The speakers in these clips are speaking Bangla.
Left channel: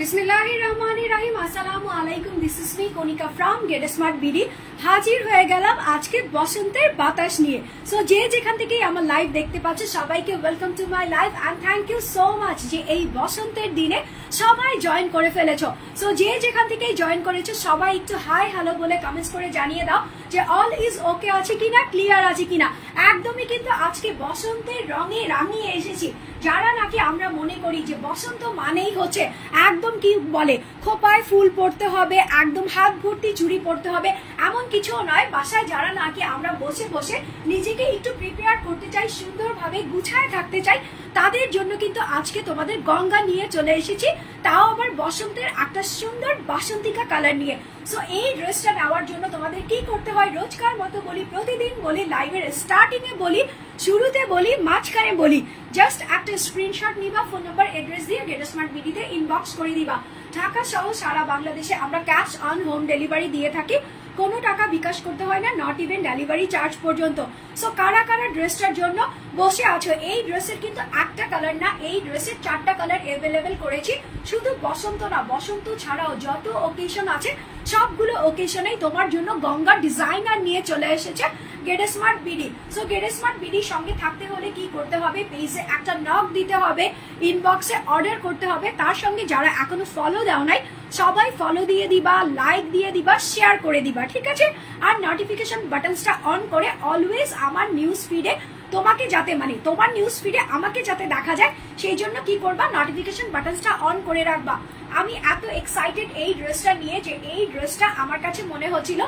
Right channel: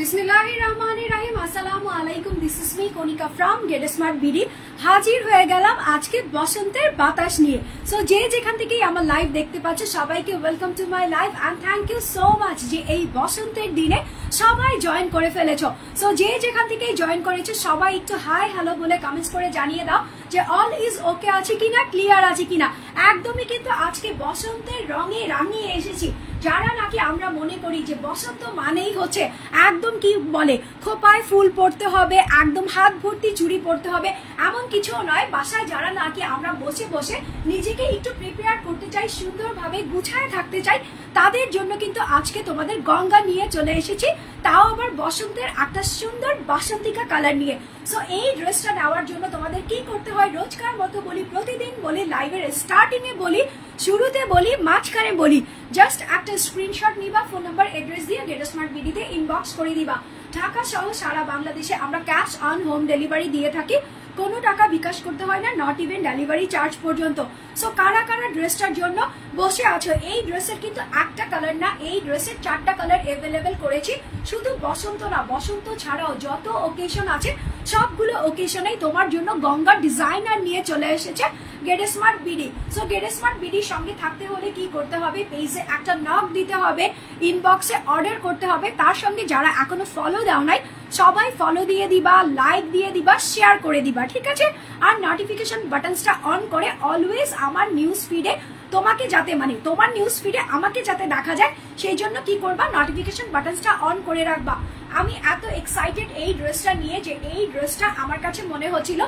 বিসমিল্লাহিররহমানিররহিম। আসসালামু আলাইকুম। This is me Konika from Get smart BD. হাজির হয়ে গেলাম আজকে বসন্তের বাতাস নিয়ে। সো যে যেখান থেকেই আমার লাইভ দেখতে পাচ্ছে সবাইকে welcome to my live and thank you so much যে এই বসন্তের দিনে সবাই জয়েন করে ফেলেছো। সো যে যেখান থেকেই জয়েন করেছো সবাই একটু হাই হ্যালো বলে কমেন্টস করে জানিয়ে দাও যে অল ইজ ওকে আছে কিনা, ক্লিয়ার আছে কিনা। একদমই কিন্তু আজকে বসন্তের রঙে রাঙিয়ে এসেছি। যারা নাকি আমরা মনে করি যে বসন্ত মানেই হচ্ছে একদম কি বলে খোপায় ফুল পড়তে হবে, একদম হাত ভর্তি চুড়ি পড়তে হবে, এমন কিছু নয়। বাসায় যারা নাকি আমরা বসে বসে নিজেকে একটু প্রিপেয়ার করতে চাই, সুন্দরভাবে গুছায় থাকতে চাই, তাদের জন্য কিন্তু আজকে তোমাদের গঙ্গা নিয়ে চলে এসেছি, তাও আবার বসন্তের একটা সুন্দর বাসন্তিকা কালার নিয়ে। সো এই ড্রেসটা নেওয়ার জন্য তোমাদের কি করতে হয়, রোজকার মতো বলি, প্রতিদিন বলি, লাইভের স্টার্টিং এ বলি, শুরুতে বলি, মাঝখানে বলি, জাস্ট একটা স্ক্রিনশট নিবা, ফোন নাম্বার এড্রেস দিয়ে গেট স্মার্ট বিডিতে ইনবক্স করে দিবা। ঢাকা সহ সারা বাংলাদেশে আমরা ক্যাশ অন হোম ডেলিভারি দিয়ে থাকি, কোনো টাকা বিকাশ করতে হয় না, নট ইভেন ডেলিভারি চার্জ পর্যন্ত। সো কারা কারা ড্রেসটার জন্য বসে আছো, এই ড্রেসের কিন্তু একটা কালার না, এই ড্রেসের 4টা কালার অ্যাভেলেবেল করেছি। শুধু বসন্ত না, বসন্ত ছাড়াও যত ওকেশন আছে সবগুলো ওকেশনেই তোমার জন্য গঙ্গা ডিজাইনার নিয়ে চলে এসেছে get smart BD. So get smart বিডির সঙ্গে থাকতে হলে কি করতে হবে, পেজে একটা নক দিতে হবে, ইনবক্সে অর্ডার করতে হবে। তার সঙ্গে যারা এখনো ফলো দাও নাই সবাই ফলো দিয়ে দিবা, লাইক দিয়ে দিবা, শেয়ার করে দিবা, ঠিক আছে। আর নোটিফিকেশন বাটনসটা অন করে অলওয়েজ আমার নিউজ ফিডে তোমাকে যাতে মানে তোমার নিউজ ফিডে আমাকে যাতে দেখা যায় সেই জন্য কি করবা, নোটিফিকেশন বাটনসটা অন করে রাখবা। আমি এত এক্সাইটেড এই ড্রেসটা নিয়ে যে এই ড্রেসটা আমার কাছে মনে হচ্ছিল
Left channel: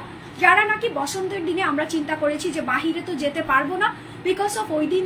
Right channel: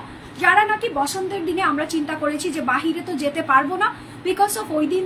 যারা নাকি বসন্তের দিনে আমরা চিন্তা করেছি যে বাহিরে তো যেতে পারবো না বিকজ অফ ওই দিন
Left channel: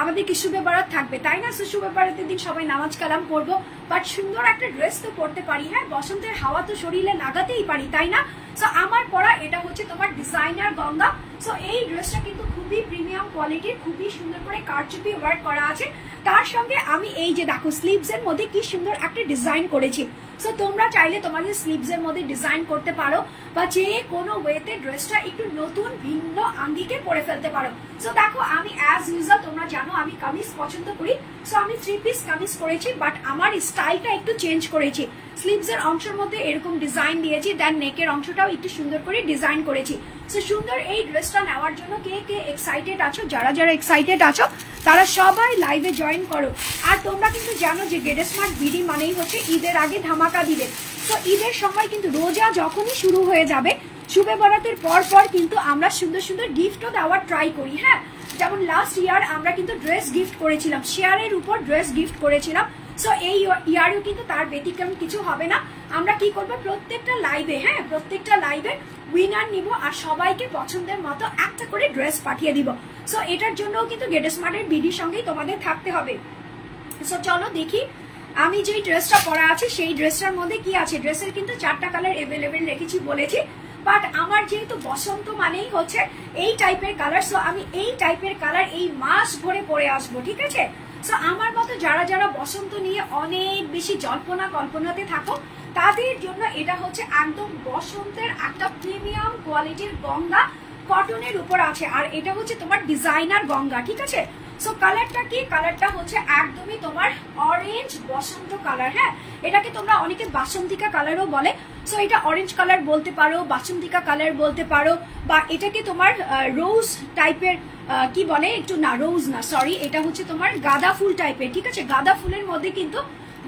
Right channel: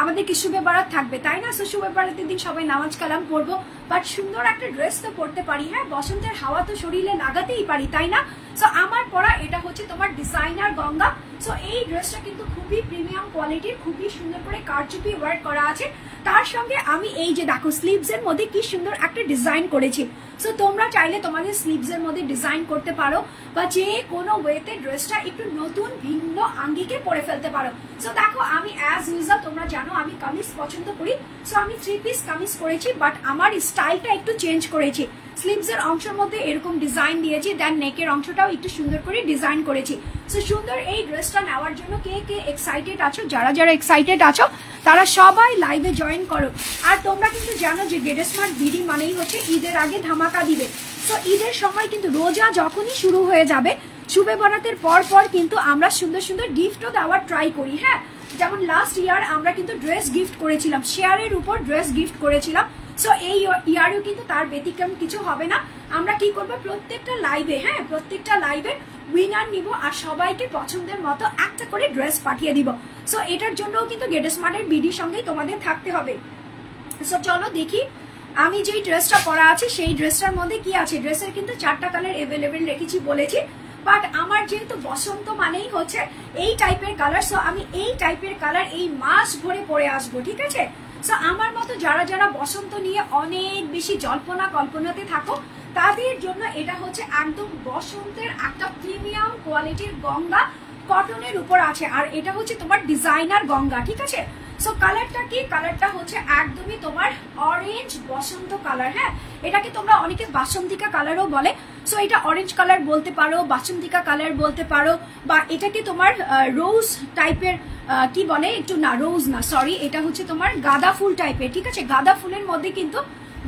আমাদের কি শুভে বারাত থাকবে, তাই না। শুভে বারাতের দিন সবাই নামাজ কালাম পড়বো, বাট সুন্দর একটা ড্রেস তো পরতে পারি না, বসন্তের হাওয়া তো শরীরে লাগাতেই পারি, তাই না। সো আমার পরা এটা হচ্ছে তোমার ডিজাইনার গঙ্গা। সো এই ড্রেসটা কিন্তু খুবই প্রিমিয়াম কোয়ালিটির, খুবই সুন্দর করে কারচুপি ওয়ার্ক করা আছে। তার সঙ্গে আমি এই যে দেখো স্লিভস এর মধ্যে কি সুন্দর একটা ডিজাইন করেছি। সো তোমরা চাইলে তোমাদের স্লিভস এর মধ্যে ডিজাইন করতে পারো বা যে কোনো ওয়েতে ড্রেসটা একটু নতুন ভিন্ন আঙ্গিকে পরে ফেলতে পারো। সো দেখো আমি অ্যাজ ইউজুয়াল তোমরা জানো আমি কামিজ পছন্দ করি, সো আমি 3 পিস কামিজ করেছি, বাট আমার স্টাইলটা একটু চেঞ্জ করেছি। স্লিভস এর অংশের মধ্যে এরকম ডিজাইন দিয়েছি, দেন নেকের অংশটাও একটু সুন্দর করে ডিজাইন করেছি। সো সুন্দর এই ড্রেসটা নেওয়ার জন্য কে কে এক্সাইটেড আছো, যারা যারা এক্সাইটেড আছো তারা সবাই লাইভে জয়েন করো। আর তোমরা কিন্তু জানো যে গেট স্মার্ট বিডি মানেই হচ্ছে ঈদের আগে ধামাকা দিবে। তো ঈদের সময় কিন্তু রোজা যখনই শুরু হয়ে যাবে, শুভে বরাতের পর পর কিন্তু আমরা সুন্দর সুন্দর গিফটও দেওয়ার ট্রাই করি। হ্যাঁ, যেমন লাস্ট ইয়ার আমরা কিন্তু ড্রেস গিফট করেছিলাম, শেয়ারের উপর ড্রেস গিফট করেছিলাম। সো এই ইয়ারেও কিন্তু তার ব্যতিক্রম কিছু হবে না। আমরা কি করবো, প্রত্যেকটা লাইভে, হ্যাঁ প্রত্যেকটা লাইভে উইনার নিব আর সবাইকে পছন্দের মতো একটা করে ড্রেস পাঠিয়ে দিব। সো এটার জন্যও কিন্তু গেট স্মার্টের বিডির সঙ্গেই তোমাদের থাকতে হবে। সো চলো দেখি আমি যে ড্রেসটা পরা আছে সেই ড্রেসটার মধ্যে কি আছে। ড্রেসের কিন্তু 4টা কালার অ্যাভেলেবেল রেখেছি বলেছি, বাট আমার যেহেতু বসন্ত মানেই হচ্ছে এই টাইপের কালার, সো আমি এই টাইপের কালার এই মাস ভরে পরে আসবো, ঠিক আছে। সো আমার মতো যারা যারা বসন্ত নিয়ে অনেক বেশি জল্পনা কল্পনাতে থাকো তাদের জন্য এটা হচ্ছে একদম বসন্তের একটা প্রিমিয়াম কোয়ালিটির গঙ্গা, কটনের উপর আছে, আর এটা হচ্ছে তোমার ডিজাইনার গঙ্গা, ঠিক আছে। সো কালারটা কি, কালারটা হচ্ছে একদমই তোমার অরেঞ্জ বসন্ত কালার। হ্যাঁ, এটাকে তোমরা অনেকে বাসন্তিকা কালারও বলে। সো এটা অরেঞ্জ কালার বলতে পারো, বাসন্তিকা কালার বলতে পারো, বা এটাকে তোমার রোজ টাইপের কি বলে, একটু না রোজ না সরি, এটা হচ্ছে তোমার গাঁদা ফুল টাইপের, ঠিক আছে। গাঁদা ফুলের মধ্যে কিন্তু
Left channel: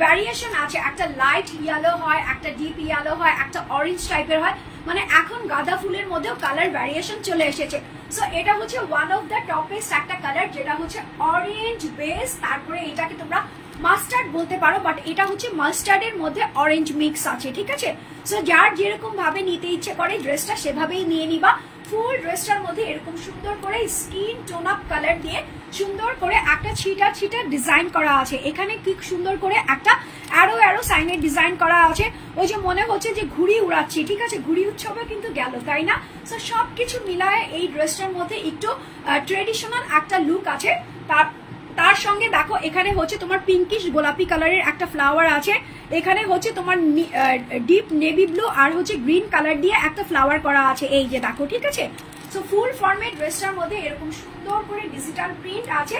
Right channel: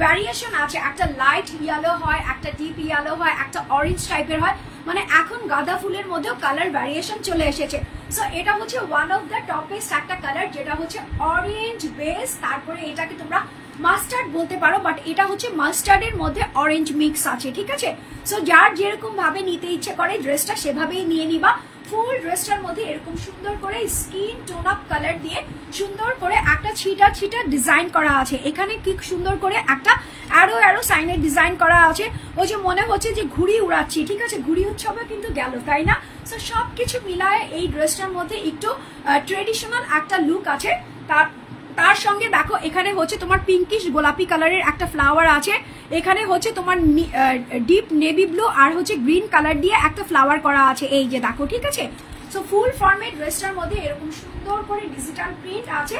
ভ্যারিয়েশন আছে, একটা লাইট ইয়েলো হয়, একটা ডিপ ইয়েলো হয়, একটা অরেঞ্জ টাইপের হয়, মানে এখন গাঁদা ফুলের মধ্যেও কালার ভ্যারিয়েশন চলে এসেছে। সো এটা হচ্ছে ওয়ান অফ দ্য টপেস্ট একটা কালার, যেটা হচ্ছে অরেঞ্জ বেস, তারপরে এটাকে তোমরা মাস্টার্ড বলতে পারো, বাট এটা হচ্ছে মাস্টার্ডের মধ্যে অরেঞ্জ মিক্স আছে, ঠিক আছে। সো যার যেরকম ভাবে নিতে ইচ্ছে করে ড্রেসটা সেভাবেই নিয়ে নিবা। ফুল ড্রেসটার মধ্যে এরকম সুন্দর করে স্কিন টোন আপ কালার দিয়ে সুন্দর করে একটা ছিটা ছিটা ডিজাইন করা আছে। এখানে কি সুন্দর করে একটা অ্যারো অ্যারো সাইনের ডিজাইন করা আছে, ওই যে মনে হচ্ছে যে ঘুড়ি উড়াচ্ছি, ঠিক আছে, ঘুড়ি উৎসবে কিন্তু গেল, তাই না। সো সবকিছু মিলায় এই ড্রেসটার মধ্যে একটু ট্রেডিশনাল একটা লুক আছে। তার সঙ্গে দেখো এখানে হচ্ছে তোমার পিঙ্কিশ গোলাপি কালারের একটা ফ্লাওয়ার আছে, এখানে হচ্ছে তোমার ডিপ নেভি ব্লু আর হচ্ছে গ্রিন কালার দিয়ে একটা ফ্লাওয়ার করা আছে, এই যে দেখো, ঠিক আছে। সো ফুল ফর্মের ড্রেসটার মধ্যে এরকম সুন্দর করে ডিজিটাল প্রিন্ট আছে,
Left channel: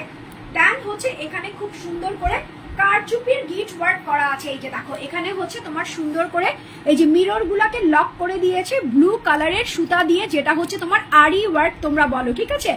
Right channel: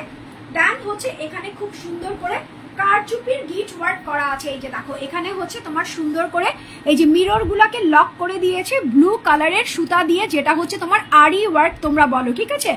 দেন হচ্ছে এখানে খুব সুন্দর করে কারচুপির গিট ওয়ার্ক করা আছে। এই যে দেখো এখানে হচ্ছে তোমার সুন্দর করে এই যে মিরর গুলাকে লক করে দিয়েছে ব্লু কালারের সুতা দিয়ে, যেটা হচ্ছে তোমার আরি ওয়ার্ক তোমরা বলো, ঠিক আছে।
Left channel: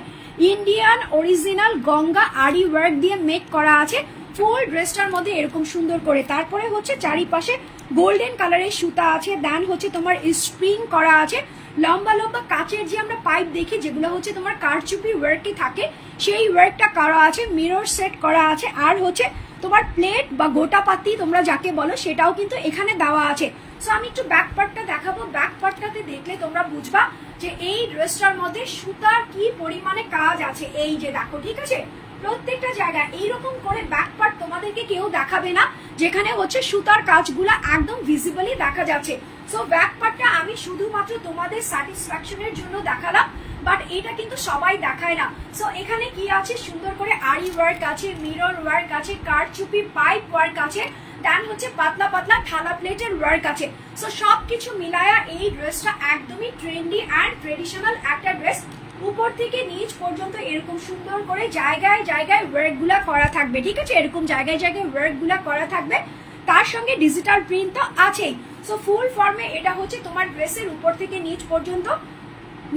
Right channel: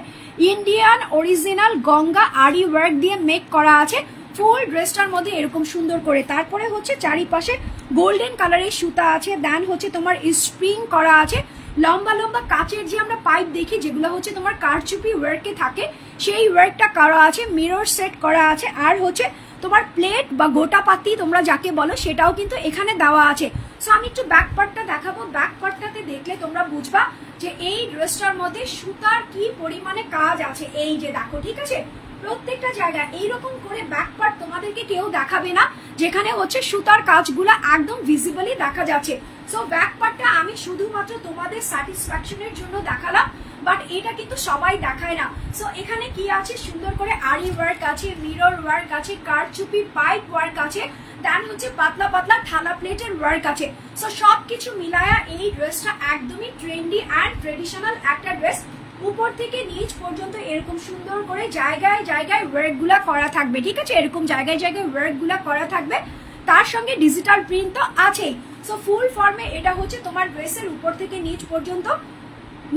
ইন্ডিয়ান অরিজিনাল গঙ্গা আরি ওয়ার্ক দিয়ে মেক করা আছে ফুল ড্রেসটার মধ্যে এরকম সুন্দর করে। তারপরে হচ্ছে চারিপাশে গোল্ডেন কালারের সুতা আছে, দেন হচ্ছে তোমার স্প্রিং করা আছে, লম্বা লম্বা কাচের যে আমরা পাইপ দেখি যেগুলো হচ্ছে তোমার কারচুপি ওয়ার্কে থাকে সেই ওয়ার্কটা করা আছে, মিরর সেট করা আছে, আর হচ্ছে তোমার প্লেট বা গোটা পাতি তোমরা যাকে বলো সেটাও কিন্তু এখানে দেওয়া আছে। সো আমি একটু ব্যাক পার্টটা দেখাবো, ব্যাক পার্টটাতে দেখলে তোমরা বুঝবা যে এই ড্রেসটার মধ্যে সুতার কি পরিমাণে কাজ আছে। এই যে দেখো, ঠিক আছে, প্রত্যেকটা জায়গায় এইরকম করে ব্যাক পার্ট তোমাদেরকে কেউ দেখাবে না যেখানে হচ্ছে সুতার কাজগুলা একদম ভিজিবলি দেখা যাচ্ছে। সো ব্যাক পার্টটা আমি শুধুমাত্র তোমাদের স্যাটিসফ্যাকশনের জন্য দেখালাম, বাট এটা কিন্তু সবাই দেখায় না। সো এখানে কি আছে, সুন্দর করে আরি ওয়ার্ক আছে, মিরর ওয়ার্ক আছে, কারচুপি পাইপ ওয়ার্ক আছে, দেন হচ্ছে পাতলা পাতলা থালা প্লেটের ওয়ার্ক আছে। সো সবকিছু মিলায়া এই ড্রেসটা একদমই ট্রেন্ডি অ্যান্ড ট্রেডিশনাল একটা ড্রেস। উপর থেকে নিচ পর্যন্ত এরকম সুন্দর করে জায়গায় জায়গায় ওয়ার্ক গুলা করা থাকবে, ঠিক আছে, এরকম জায়গায় জায়গায় ওয়ার্ক গুলা করা থাকবে, তার সঙ্গে ডিজিটাল প্রিন্ট তো আছেই। সো ফুল ফর্মে এটা হচ্ছে তোমার ড্রেসের উপর থেকে নিচ পর্যন্ত।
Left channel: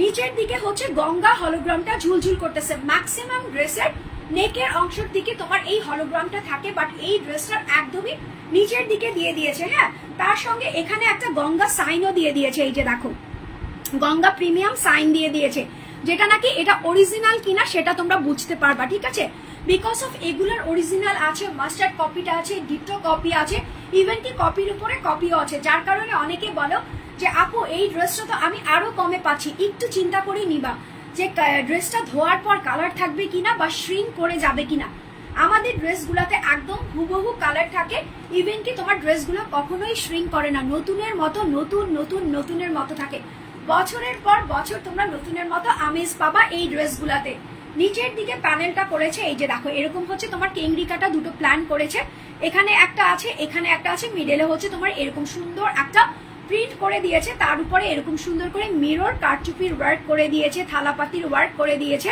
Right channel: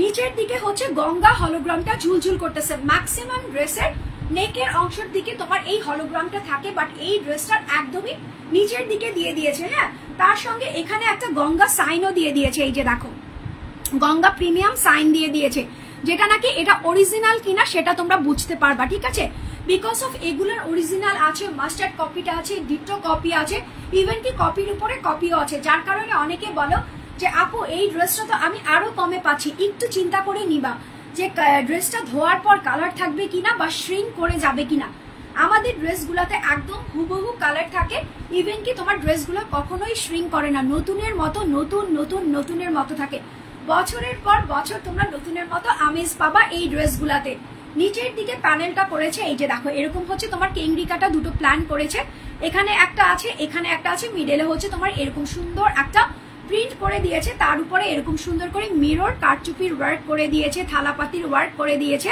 নিচের দিকে হচ্ছে গঙ্গা হলোগ্রামটা ঝুলঝুল করতেছে। ম্যাক্সিমাম ড্রেসের নেকের অংশের দিকে তোমার এই হলোগ্রামটা থাকে, বাট এই ড্রেসটার একদমই নিচের দিকে দিয়ে দিয়েছে। হ্যাঁ, তার সঙ্গে এখানে একটা গঙ্গা সাইনও দিয়ে দিয়েছে। এই যে দেখো, গঙ্গা প্রিমিয়াম সাইন দিয়ে দিয়েছে, যেটা নাকি এটা অরিজিনাল কিনা সেটা তোমরা বুঝতে পারবা, ঠিক আছে। বিকজ অফ এগুলার অরিজিনাল আছে, মাস্টার্ড কপিটা আছে, ডিটো কপি আছে, ইভেন কি কপির উপরে কপিও আছে, যার কারণে অনেকে বলো যে আপু এই ড্রেসটা তো আমি আরো কমে পাচ্ছি। একটু চিন্তা করে নিবা যে ড্রেসটা ধোয়ার পর কালার থাকবে কিনা বা শ্রিঙ্ক করে যাবে কিনা। আমাদের ড্রেসগুলাতে একদম হুবহু কালার থাকে, ইভেন কি তোমার ড্রেসগুলো কখনোই শ্রিঙ্ক করে না, নতুনের মতো নতুনের মতো থাকে। বছরের পর বছর তোমরা নতুনের মতো আমেজ পাবা এই ড্রেসগুলাতে। নিচের দিকে প্যানেলটা করেছে, এই যে দেখো এরকম হচ্ছে তোমার কেংরিকাটা দুটো প্ল্যান করেছে, এখানে একটা আছে, এখানে একটা আছে, মিডলে হচ্ছে তোমার এরকম সুন্দর একটা প্রিন্ট করে দিয়েছে, তার উপরে এরকম সুন্দর করে মিরর কারচুপির ওয়ার্ক করে দিয়েছে, থালাপাতির ওয়ার্ক করে দিয়েছে,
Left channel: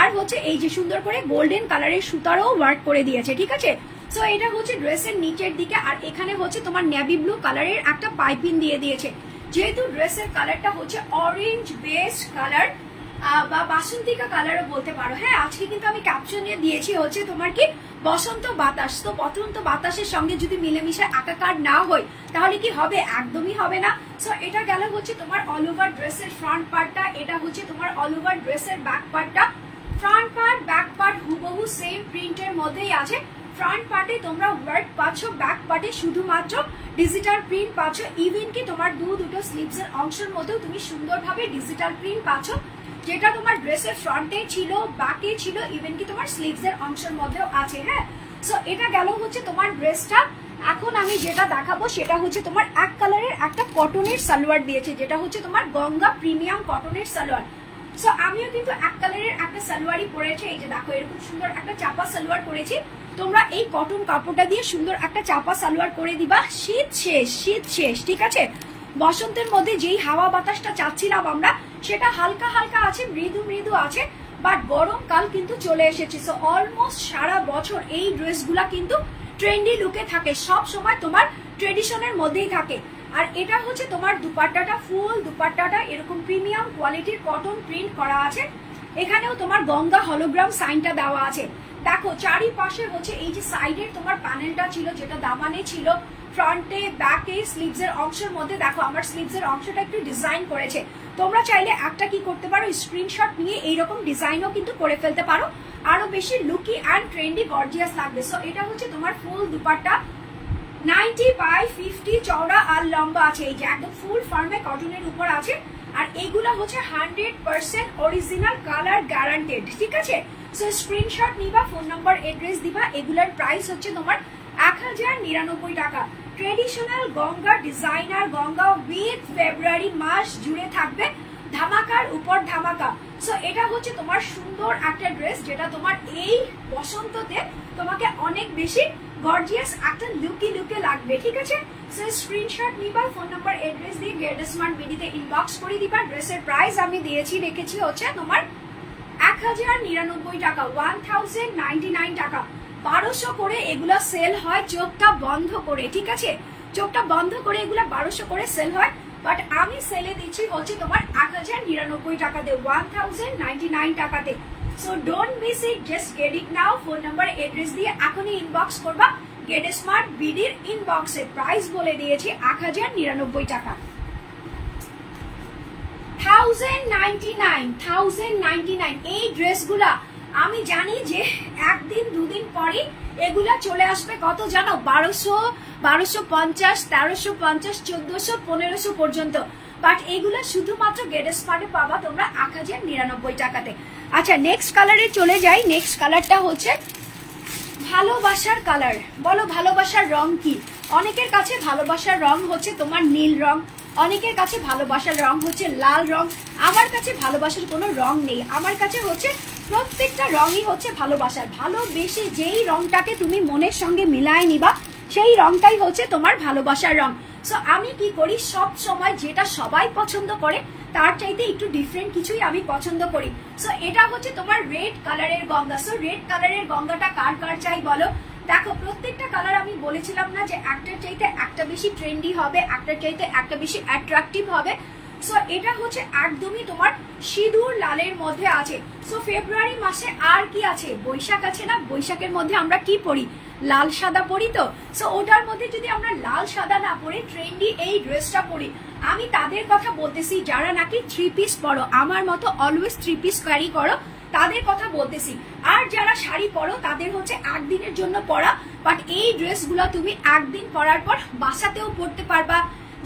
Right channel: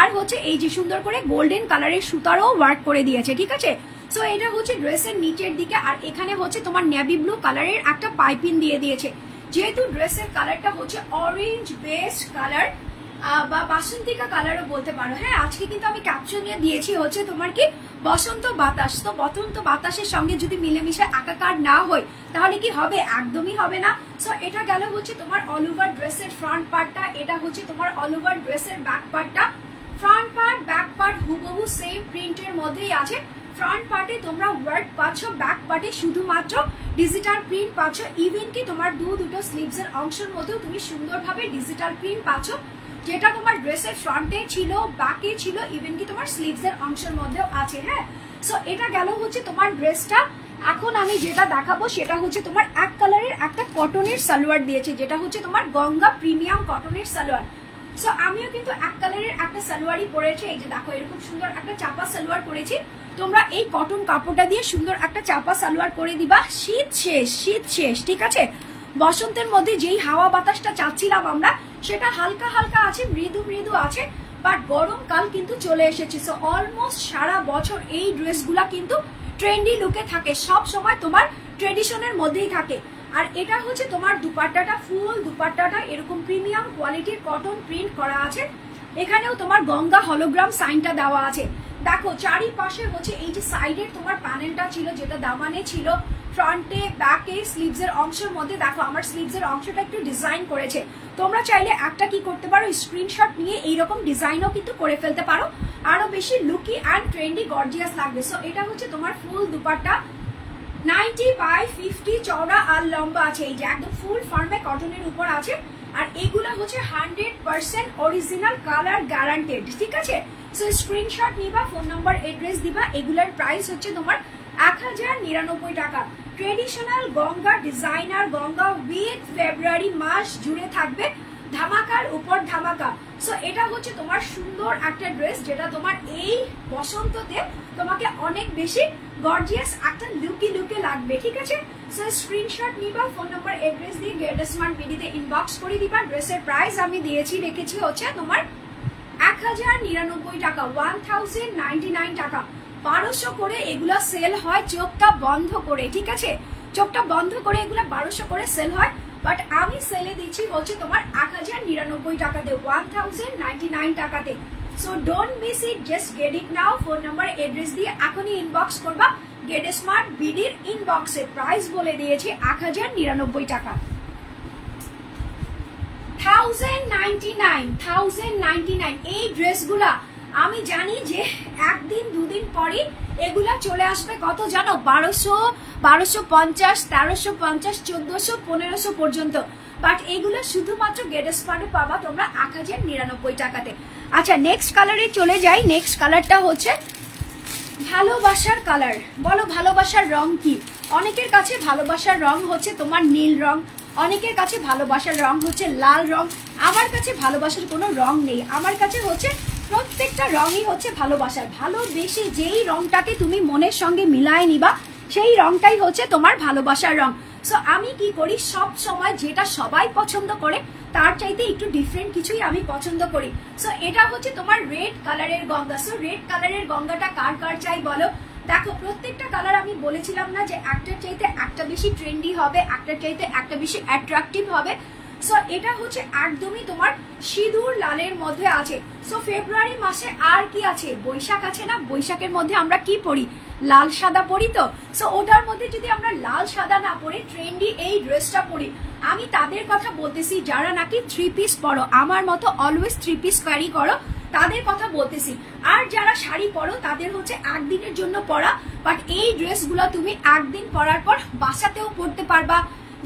আর হচ্ছে এই যে সুন্দর করে গোল্ডেন কালারের সুতারও ওয়ার্ক করে দিয়েছে, ঠিক আছে। সো এটা হচ্ছে ড্রেসের নিচের দিকে, আর এখানে হচ্ছে তোমার নেভি ব্লু কালারের একটা পাইপিং দিয়ে দিয়েছে। যেহেতু ড্রেসের কালারটা হচ্ছে অরেঞ্জ বেস্ট কালার বা বাসন্তিকা কালারও বলতে পারো। হ্যাঁ, আজকে কিন্তু আমি ক্যাপশনে দিয়েছি হচ্ছে তোমার কি বসন্ত বাতাস। তো বসন্ত বাতাসের সঙ্গে যদি মিলেমিশে একাকার না হয় তাহলে কি হবে? একদমই হবে না। সো এটা গেল হচ্ছে তোমার অল ওভার ড্রেসের ফ্রন্ট পার্টটা, এটা হচ্ছে তোমার অল ওভার ড্রেসের ব্যাক পার্টটা। ফ্রন্ট পার্ট ব্যাক পার্ট হুবহু সেম প্রিন্টের মধ্যেই আছে। ফ্রন্ট পার্টে তোমরা ওয়ার্ক পাচ্ছ, ব্যাক পার্টে শুধুমাত্র ডিজিটাল প্রিন্ট পাচ্ছ, ইভেন কি তোমার দুটো স্লিভস এর অংশের মধ্যেও তুমি সুন্দরভাবে ডিজিটাল প্রিন্ট পাচ্ছ, যেটা তোমার ড্রেসের ফ্রন্টে ছিল, ব্যাকে ছিল, ইভেন কি তোমার স্লিভস এর অংশের মধ্যেও আছে। হ্যাঁ, সো এটা গেল হচ্ছে তোমার ড্রেসটা। এখন আমি যেটা দেখাবো সেটা হচ্ছে তোমার এক কালারের একটা কটনের সালোয়ার দিয়েছে, যেটা হচ্ছে তোমার গঙ্গা প্রিমিয়াম কটনের সালোয়ার। সো আমিও কিন্তু এক কালারের একটা সালোয়ারই পরেছি। এই যে দেখো এরকম সুন্দর একটা চাপা সালোয়ার পরেছি। তোমরা এই কটন কাপড়টা দিয়ে সুন্দর একটা চাপা সালোয়ার করে দিবা। শীত শেষ, ঠিক আছে। বসন্তের মধ্যে যেই হাওয়া বাতাসটা চাচ্ছিলাম আমরা, সেটা হালকা হালকা আছে, মৃদু আছে, বাট গরমকাল কিন্তু চলে এসেছে। সো অলমোস্ট সারা বছর এই ড্রেসগুলা কিন্তু ট্রেন্ডি লুকে থাকে, সব সময় তোমার ট্রেডিশনের মধ্যেই থাকে। আর এটা হচ্ছে তোমার দুপাট্টাটা, ফুল দুপাট্টাটা এরকম প্রিমিয়াম কোয়ালিটির কটন প্রিন্ট করা আছে। এখানেও তোমার গঙ্গা হলোগ্রাম সাইনটা দেওয়া আছে। দেখো চারিপাশে হচ্ছে এই যে সাইডের তোমার প্যানেলটা ছিল, যেটা দামানে ছিল, ফ্রন্টে ব্যাকে স্লিভস এর অংশের মধ্যে দেখো আমার স্লিভস এর অংশটা একটু ডিজাইন করেছে। তোমরা চাইলে একটা কি করতে পারো, স্ক্রিনশট নিয়ে এইরকম ডিজাইনও কিন্তু করে ফেলতে পারো, আরো বেশি লুকি অ্যান্ড ট্রেন্ডি গর্জিয়াস লাগবে। সো এটা হচ্ছে তোমার ফুল দুপাট্টা, 90/50 চওড়া আর লম্বা আছে। এই যে একদম ফুল ফর্মে কটনের উপর আছে, আর এগুলা হচ্ছে 100% অরিজিনাল কালার গ্যারান্টেড, ঠিক আছে। সো স্ক্রিনশট নিবা, ফোন নাম্বার এড্রেস দিবা। এগুলার প্রাইস হচ্ছে তোমার 1099 টাকা। Traditional Ganga designer Ganga with ফেব্রুয়ারি মাস জুড়ে থাকবে ধামাকার উপর ধামাকা। সো এটা হচ্ছে তোমার সুন্দর একটা ড্রেস, যেটা তোমার এই বসন্ততে তোমাকে অনেক বেশি গর্জিয়াস একটা লুকে লাগবে, ঠিক আছে। সো স্ক্রিনশট নিবা, ফোন নাম্বার এড্রেস দিয়ে গেটসমার্ট বিডিতে ইনবক্স করে দিবা। ড্রেসের প্রাইস আমি রেখেছি হচ্ছে তোমার 1099 টাকা, 1099 টাকা। 1200 করে এগুলা সেল হয় চোখটা বন্ধ করে, ঠিক আছে, চোখটা বন্ধ করে এগুলা 1200 করে সেল হয়। বাট আমি সেলে দিচ্ছি হচ্ছে তোমার 1099 টাকাতে, 1099 টাকাতে। So don't miss it, just get it now. Phone number address দিয়ে এখনই ইনবক্স করবা। গেট স্মার্ট বিডির ইনবক্সে প্রাইস বলে দিয়েছি 1099 টাকা। 1099 এই ড্রেসগুলা আমি জানি যে একদিন দুদিন পরে এগুলা চলে আসবে কত জানো, 1200, 1250, 1350, 1400, 1500 পর্যন্ত। বাট এগুলো শুধুমাত্র গেট স্মার্টে পাবা তোমরা 1099 টাকাতে। আচ্ছা নেক্সট কালারে চলে যাই। নেক্সট কালারটা হচ্ছে ভালোবাসার কালার। বলো ভালোবাসার রং কি? অনেকের কাছে ভালোবাসার রং হচ্ছে তোমার নীল রং, অনেকের কাছে ভালোবাসার রং হচ্ছে লাল রং। আমার কাছে ভালোবাসার কোনো রং নেই, আমার কাছে হচ্ছে প্রত্যেকটা রঙই হচ্ছে ভালোবাসার। ভালোবেসে যেই রংটাকে তুমি মনের সঙ্গে মিলায় নিবা সেই রংটাই হচ্ছে তোমার ভালোবাসার রং। সো আমি কি করি, সব সময় যেটা সবাই পছন্দ করে তার চাইতে একটু ডিফারেন্ট কিছুই আমি পছন্দ করি। সো এটা হচ্ছে তোমার রেড কালারের গঙ্গা। সো রেড কালারের গঙ্গাটা কার কার চাই বলো? দেখো প্রত্যেকটা কালার আমি বলেছিলাম না যে একটার চাইতে একটা বেশি ট্রেন্ডি হবে, একটার চাইতে একটা বেশি অ্যাট্রাকটিভ হবে। সো এটা হচ্ছে একদমই তোমার সিঁদুর লালের মধ্যে আছে। সো ফেব্রুয়ারি মাসে আর কি আছে, বৈশাখ আছে না, বৈশাখের মধ্যে আমরা কি পরি, লাল সাদা পরি। তো সো ওটার মধ্যে যদি আমরা লাল সাদা না পরে ট্রেন্ডি এই ড্রেসটা পরি, আমি তাদের কথা বলতেছি যারা নাকি 3 পিস পরো, আমার মতো অলওয়েজ 3 পিস ক্যারি করো, তাদের কথা বলতেছি। আর যারা শাড়ি পরো তাদের হচ্ছে একদিনের জন্য পরা। বাট এই ড্রেসগুলো তুমি একদিন পরার পর বাসাতেও পরতে পারবা,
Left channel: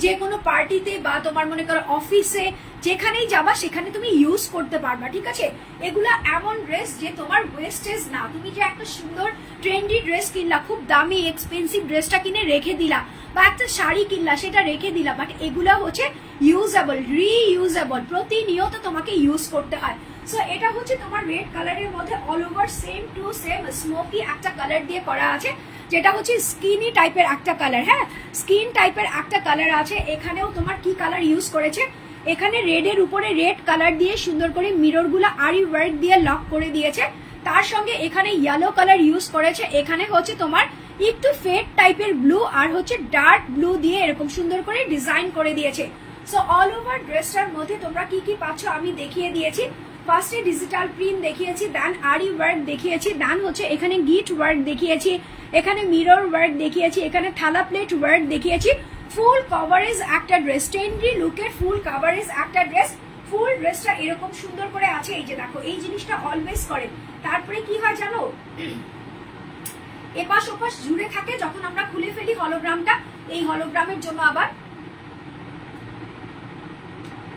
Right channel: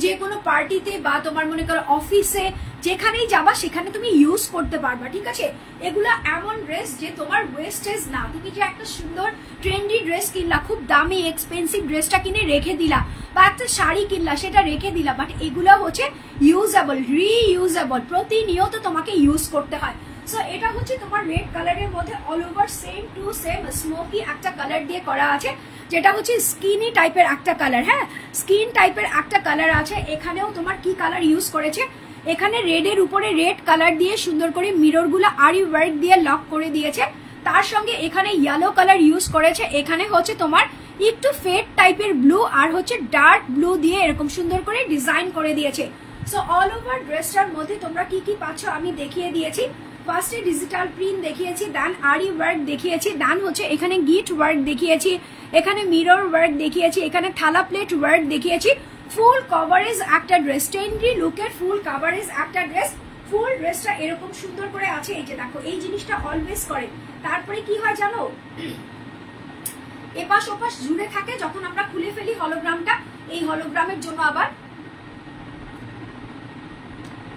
যে কোনো পার্টিতে বা তোমার মনে করো অফিসে যেখানেই যাবা সেখানে তুমি ইউজ করতে পারবা, ঠিক আছে। এগুলা এমন ড্রেস যে তোমার ওয়েস্টেজ না। তুমি যে একটা সুন্দর ট্রেন্ডি ড্রেস কিনলা, খুব দামি এক্সপেন্সিভ ড্রেসটা কিনে রেখে দিলা, বা একটা শাড়ি কিনলা সেটা রেখে দিলা, বাট এগুলা হচ্ছে ইউজেবল, রিইউজেবল, প্রতিনিয়ত তোমাকে ইউজ করতে হয়। সো এটা হচ্ছে তোমার রেড কালারের মধ্যে all over same to same smoky একটা কালার দিয়ে করা আছে, যেটা হচ্ছে স্কিনি টাইপের একটা কালার। হ্যাঁ, স্কিন টাইপের একটা কালার আছে। এখানেও তোমার কি কালার ইউজ করেছে, এখানে রেড এর উপরে রেড কালার দিয়ে সুন্দর করে মিরর গুলা আরি ওয়ার্ক দিয়ে লক করে দিয়েছে। তার সঙ্গে এখানে ইয়েলো কালার ইউজ করেছে। এখানে হচ্ছে তোমার একটু ফেড টাইপের ব্লু আর হচ্ছে ডার্ক ব্লু দিয়ে এরকম সুন্দর করে ডিজাইন করে দিয়েছে। সো অল ওভার ড্রেসটার মধ্যে তোমরা কি কি পাচ্ছ আমি দেখিয়ে দিয়েছি। ফার্স্টে ডিজিটাল প্রিন্ট দেখিয়েছি, দেন আরি ওয়ার্ক দেখিয়েছি, দেন হচ্ছে এখানে গিট ওয়ার্ক দেখিয়েছি, এখানে মিরর ওয়ার্ক দেখিয়েছি, এখানে থালা প্লেট ওয়ার্ক দেখিয়েছি। ফুল কভারেজ একটা ড্রেস, ট্রেন্ডি লুকের ফুল কভারেজ একটা ড্রেস। ফুল ড্রেসটা এরকম সুন্দর করে আছে। এই যে দেখো, এই জিনিসটা অলওয়েজ করে। তারপরে কি হয় জানো, এপাশ ওপাশ জুড়ে থাকে, যখন আমরা খুলে ফেলি হলোগ্রামটা, এই হলোগ্রামের জন্য আবার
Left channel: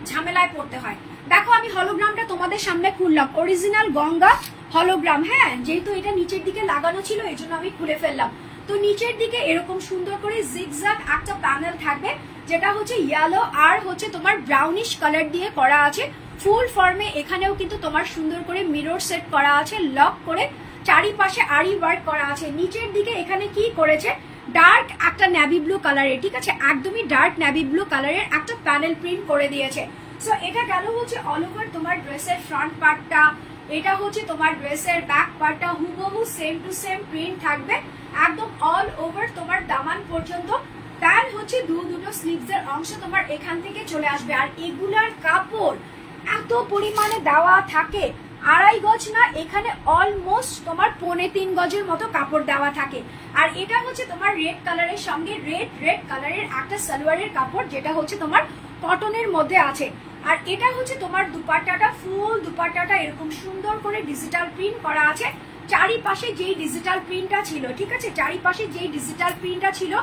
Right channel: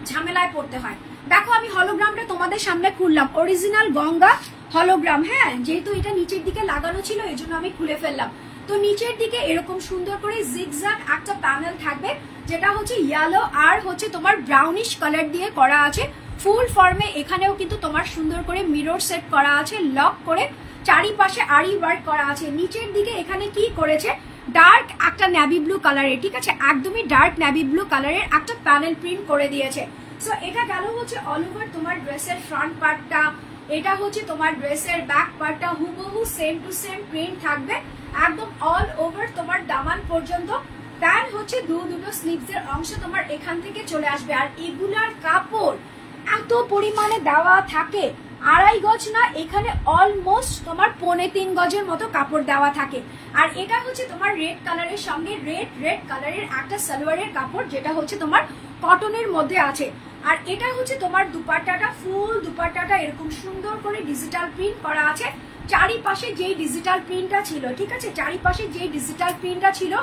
ঝামেলায় পড়তে হয়। দেখো আমি হলোগ্রামটা তোমাদের সামনে খুললাম, অরিজিনাল গঙ্গা হলোগ্রাম। হ্যাঁ, যেহেতু এটা নিচের দিকে লাগানো ছিল এই জন্য আমি খুলে ফেললাম। তো নিচের দিকে এরকম সুন্দর করে জিগজ্যাগ একটা প্যানেল থাকবে, যেটা হচ্ছে ইয়েলো আর হচ্ছে তোমার ব্রাউনিশ কালার দিয়ে করা আছে ফুল ফর্মে। এখানেও কিন্তু তোমার সুন্দর করে মিরর সেট করা আছে, লক করে চারিপাশে আরি ওয়ার্ক করা আছে। নিচের দিকে এখানে কি করেছে, ডার্ক একটা নেভি ব্লু কালারের, ঠিক আছে, একদমই ডার্ক নেভি ব্লু কালারের একটা প্যানেল প্রিন্ট করে দিয়েছে। সো এটা গেল হচ্ছে অল ওভার তোমার ড্রেসের ফ্রন্ট পার্টটা। এটা হচ্ছে তোমার ড্রেসের ব্যাক পার্টটা, হুবহু সেম টু সেম প্রিন্ট থাকবে একদম অল ওভার তোমার দামান পর্যন্ত। দেন হচ্ছে দুটো স্লিভস এর অংশ তোমার এখান থেকে চলে আসবে। আর এগুলার কাপড় এত পরিমাণে দেওয়া থাকে, 2.5 গজ না, এখানে অলমোস্ট তোমার 3.25 গজের মতো কাপড় দেওয়া থাকে। আর এটা হচ্ছে তোমার রেড কালারের সঙ্গে রেড কালারের একটা সালোয়ারের কাপড়, যেটা হচ্ছে তোমার কটনের মধ্যে আছে। আর এটা হচ্ছে তোমার দুপাট্টাটা, ফুল দুপাট্টাটা এরকম সুন্দর করে ডিজিটাল প্রিন্ট করা আছে। চারিপাশে যেই ডিজিটাল প্রিন্টটা ছিল, ঠিক আছে, চারিপাশে যেই ডিজিটাল প্রিন্টটা ছিল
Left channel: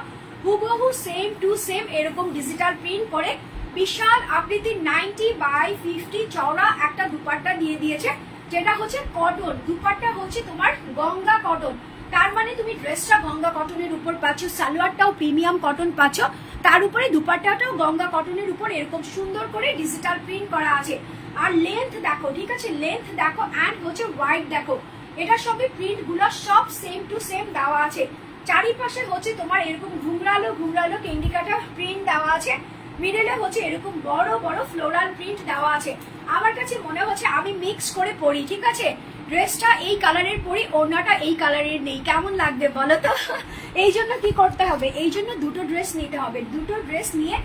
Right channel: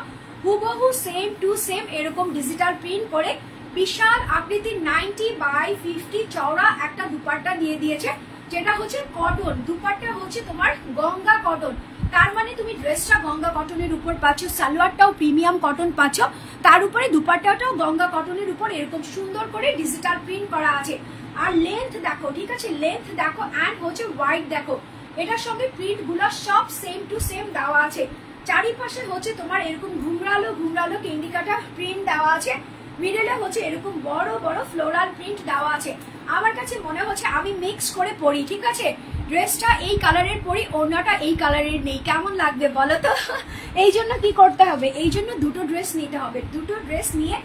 হুবহু সেম টু সেম এরকম ডিজিটাল প্রিন্ট করে বিশাল আকৃতির 90x50 চওড়া একটা দুপাট্টা দিয়ে দিয়েছে, যেটা হচ্ছে কটন। দুপাট্টা হচ্ছে তোমার গঙ্গা কটন, তার মানে তুমি ড্রেসটা গঙ্গা কটনের উপর পাচ্ছ, সালোয়ারটাও প্রিমিয়াম কটন পাচ্ছ, তার উপরে দুপাট্টাটাও গঙ্গা কটনের উপর এরকম সুন্দর করে ডিজিটাল প্রিন্ট করা আছে। আর লেন্থ দেখো, ঠিক আছে, লেন্থ দেখো, অ্যান্ড হচ্ছে ওয়াইড দেখো, এটার সঙ্গে প্রিন্ট গুলো সব সেম টু সেম দেওয়া আছে। চারিপাশে হচ্ছে তোমার এরকম ঘুমরালো ঘুমরালো কেন্ডিকাটা প্রিন্ট দেওয়া আছে, মিডলে হচ্ছে এরকম বড় বড় ফ্লোরাল প্রিন্ট দেওয়া আছে। আমার কাছে মনে হচ্ছে আমি মিক্স করে পরি, ঠিক আছে, ড্রেসটা এই কালারের পরি, ওড়নাটা এই কালারের নেই, কেমন লাগবে বলো তো? এই জন্য কি করতে হবে, এই জন্য দুটো ড্রেস নিতে হবে। দুটো ড্রেস নিয়ে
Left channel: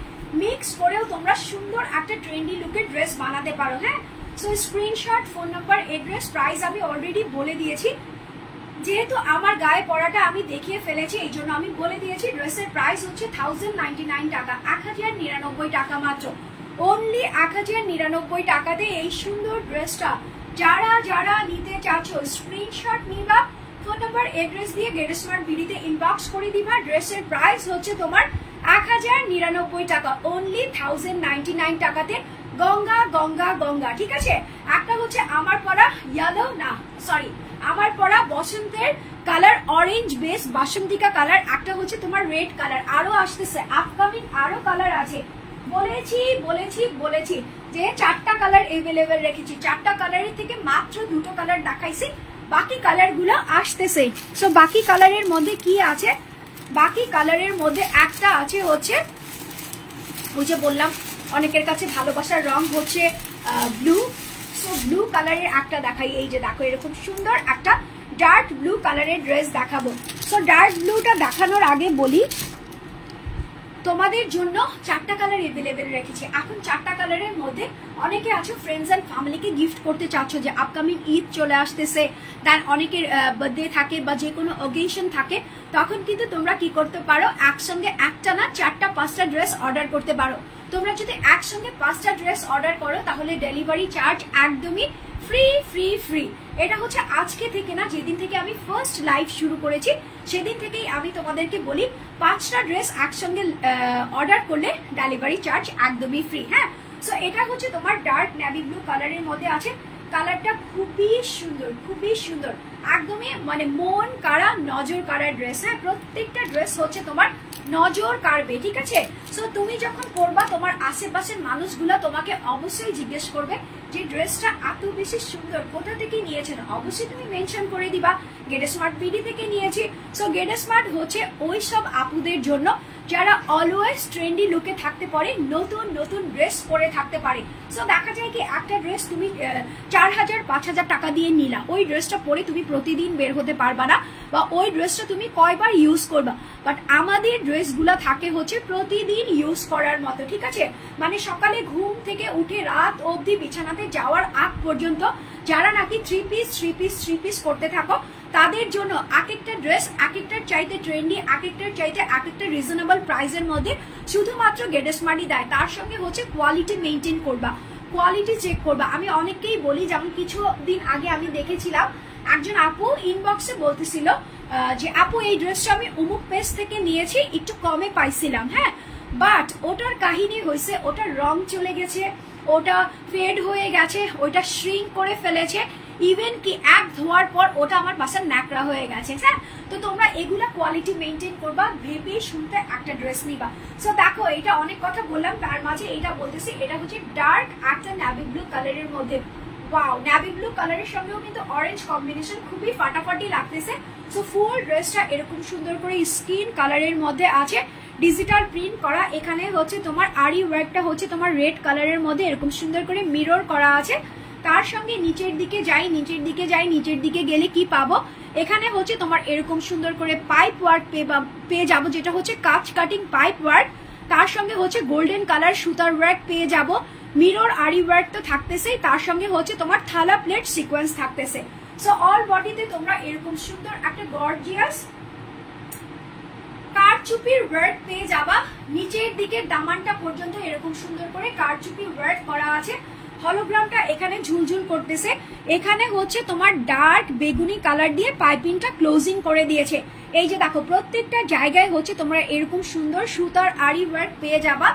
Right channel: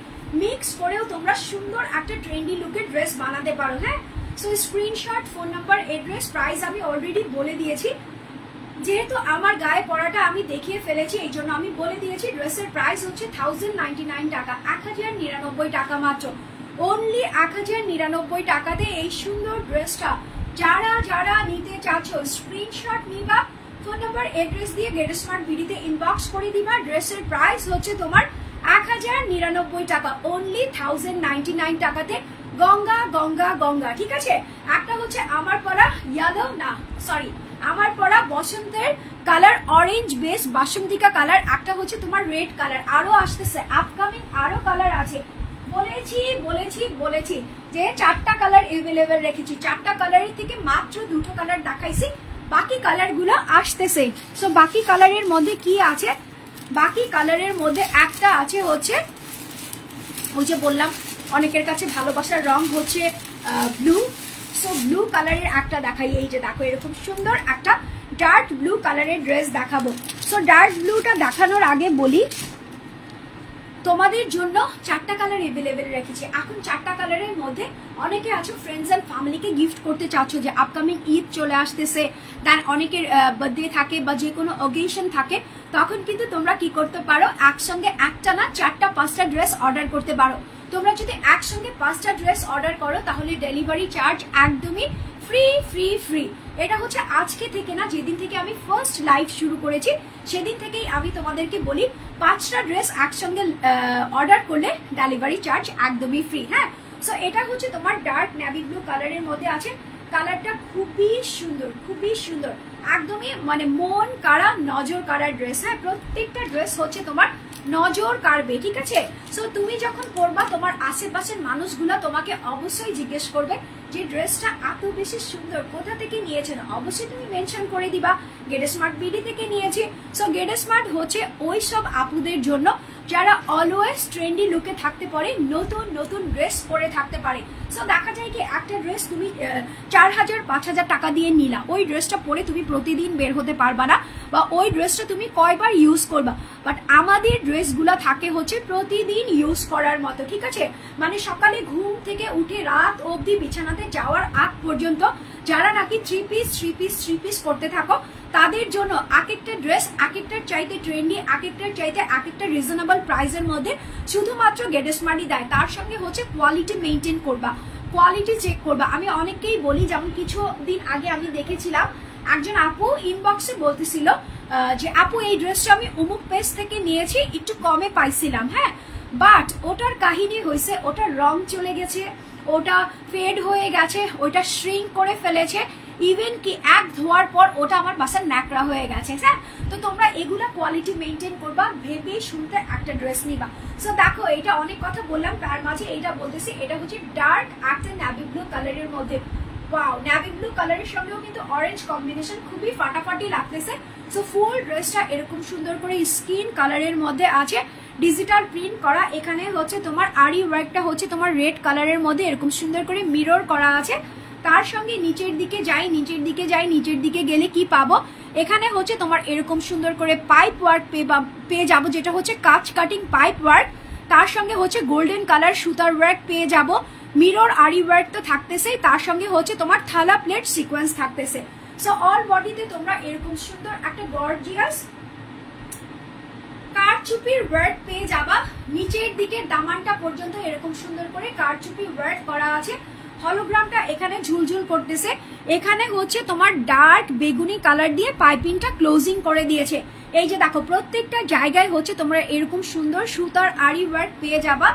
মিক্স করেও তোমরা সুন্দর একটা ট্রেন্ডি লুকের ড্রেস বানাতে পারো। হ্যাঁ, so screenshot, phone number, address, price আমি অলরেডি বলে দিয়েছি। যেহেতু আমার গায়ে পরাটা আমি দেখিয়ে ফেলেছি, এই জন্য আমি বলে দিয়েছি। ড্রেসের প্রাইস হচ্ছে 1099 টাকা, 1099 টাকা মাত্র। অনলি 1099 টাকাতে এই সুন্দর ড্রেসটা যারা যারা নিতে চাচ্ছ স্ক্রিনশট নিবা, ফোন নাম্বার এড্রেস দিয়ে গেট স্মার্ট বিডিতে ইনবক্স করে দিবা। ড্রেসের প্রাইস হচ্ছে তোমার 1099 টাকা, অনলি 1099 টাকাতে। গঙ্গা গঙ্গা গঙ্গা, ঠিক আছে। একটা হচ্ছে আমার পরা ইয়েলো, না সরি, আমার পরা বসন্তের colour orange base Basantika colour, একটা হচ্ছে তোমার রেড কালার, আরো আসতেছে আপকামিং আরো কালার আছে। বলেছি বলেছি বলেছি যে 4টা কালার এভেলেবেল রেখেছি, 4টা কালারের থেকে মাত্র 2টো কালার দেখাইছি, বাকি কালার গুলো আসতেছে। তো বাকি কালারের মধ্যে কি আছে, বাকি কালারের মধ্যে একটা আছে হচ্ছে ওই যে বললাম অনেকের কাছে ভালোবাসার রং হচ্ছে ব্লু। সো ব্লু কালারের একটা দেখাই, এই যে দেখো এরকম সুন্দর একটা ডার্ক ব্লু কালারের ড্রেস দেখাবো। সো ডার্ক ব্লুটা দেখানোর আগে বলি তোমাদের জন্য 4টা কালার এভেলেবেল রেখেছি। এখন 4টা কালারের মধ্যে অনেকে আছে ফ্রেন্ডস এন্ড ফ্যামিলিকে গিফট করতে চাচ্ছ, যে আপকামিং ঈদ চলে আসতেছে, দেন অনেকের বার্থডে থাকে বা যে কোনো অকেশন থাকে, তখন কিন্তু তোমরা কি করতে পারো, একসঙ্গে একটা না 4টা 5টা ড্রেস অর্ডার করতে পারো। তোমরা যদি একসঙ্গে 5টা ড্রেস অর্ডার করো তাহলে ডেলিভারি চার্জ একদমই ফ্রি ফ্রি ফ্রি। এটা হচ্ছে আজকে থেকে না, যেদিন থেকে আমি ফার্স্ট লাইভ শুরু করেছি সেদিন থেকেই আমি তোমাদেরকে বলি 5টা ড্রেস একসঙ্গে অর্ডার করলে ডেলিভারি চার্জ একদমই ফ্রি। হ্যাঁ, সো এটা হচ্ছে তোমার ডার্ক নেভি ব্লু কালারের মধ্যে আছে। কালারটা খুবই সুন্দর, খুবই সুন্দর, একদমই মানে মন কাড়া নজর কাড়ার ড্রেস। হ্যাঁ, প্রত্যেকটা ড্রেস হচ্ছে তোমার নজর কাড়বে, ঠিক আছে। সো তুমি যখন পরবা তোমার আশেপাশের মানুষগুলো তোমাকে অবশ্যই জিজ্ঞেস করবে যে ড্রেসটা এত বেশি সুন্দর কোথা থেকে নিয়েছেন, অবশ্যই তুমি মেনশন করে দিবা গেট স্মার্ট বিডি থেকে নিয়েছি। সো গেট স্মার্ট হচ্ছে ওই সব আপুদের জন্য যারা অলওয়েজ ট্রেন্ডি লুকে থাকতে পারে, নতুন নতুন ড্রেস পরে থাকতে পারে। সো দেখা যায় কি একটা ড্রেস তুমি 4000-5000 টাকা দিয়ে নিলা, ওই ড্রেসটা পরে তুমি প্রতিদিন বের হতে পারবা না, বা ওই ড্রেসটা তুমি কয়বার ইউজ করবা। বাট আমাদের ড্রেসগুলা থাকে হচ্ছে প্রতিদিন ইউজ করার মতো, ঠিক আছে। মানে সকালে ঘুম থেকে উঠে রাত অবধি বিছানাতে যাওয়ার আগ পর্যন্ত যারা নাকি থ্রি পিস করতে থাকো, তাদের জন্য এক একটা ড্রেস এক একটার চাইতে ট্রেন্ডি, এক একটার চাইতে এক একটা রিজনেবল প্রাইসের মধ্যে শুধুমাত্র গেট স্মার্টই দেয়। তার সঙ্গে হচ্ছে কোয়ালিটি মেনটেন করবা, কোয়ালিটি চেক করবা। আমি অনেককেই বলি, যেমন কিছুদিন আগে আমি দেখেছিলাম একজন আপু ইনবক্সে বলতেছিল যে আপু এই ড্রেসটা আমি অমুক পেজ থেকে নিয়েছি, একটু কমে পাইছিলাম। হ্যাঁ, বাট ওটার কাহিনী হয়েছে ওটার রং চলে গেছে, ওটা ফেড হয়ে গেছে, ওটা শ্রিঙ্ক করে ফেলেছে, ইভেন কি এক ধোয়ার পর ওটা আমার বাসার ন্যাকড়া হয়ে গেছে। হ্যাঁ, তো তোমরা এগুলা কোয়ালিটি মেনটেন করবা, ভেবে শুনতে একটা ড্রেস নিবা। সো দেখো এটা অনেক কথা বললাম, তার মাঝে এটা বলতেছি, এটা হচ্ছে ডার্ক একটা নেভি ব্লু কালারের মধ্যে। ওয়াও, নেভি ব্লু কালারের সঙ্গেও কিন্তু অরেঞ্জ কম্বিনেশন খুবই ফাটাফাটি লাগতেছে। সো ফুল ড্রেসটা এরকম সুন্দর করে স্কিন কালারের মধ্যে আছে, ডিজিটাল প্রিন্ট করা। এখানে হচ্ছে তোমার আরি ওয়ার্কটা হচ্ছে তোমার রেড কালারের মধ্যে এরকম সুন্দর করে মিরর করা আছে। তার সঙ্গে নিচের দিকে নিচের দিকে গেলে কি পাবো, এখানে হচ্ছে তোমার এরকম সুন্দর করে পাইপ ওয়ার্ক পেয়ে যাবো, যেটা হচ্ছে কাটিং পাইপ ওয়ার্ক। তার সঙ্গে হচ্ছে গোল্ডেন কালার সুতার ওয়ার্ক পেয়ে যাবো, মিরর আরি ওয়ার্ক তো থাকতেছে, তার সঙ্গে হচ্ছে তোমার থালা প্লেট সিকোয়েন্স থাকতেছে। সো অল বডিতে তোমরা এরকম সুন্দর একটা গর্জিয়াস কারচুপির ওয়ার্ক পেয়ে যাবা। নিচের দিকে দামানটা পর্যন্ত এরকম সুন্দর করে কারচুপি ওয়ার্ক করা আছে। হলোগ্রামটা এখানে ঝুলঝুল করতেছে। এখানে হচ্ছে তোমার ডার্ক বেগুনি কালার দিয়ে পাইপিংটা ক্লোজিং করে দিয়েছে। এই যে দেখো প্রত্যেকটা জায়গায় হচ্ছে তোমরা এরকম সুন্দর সুতার আরি ওয়ার্ক পেয়ে যাবা,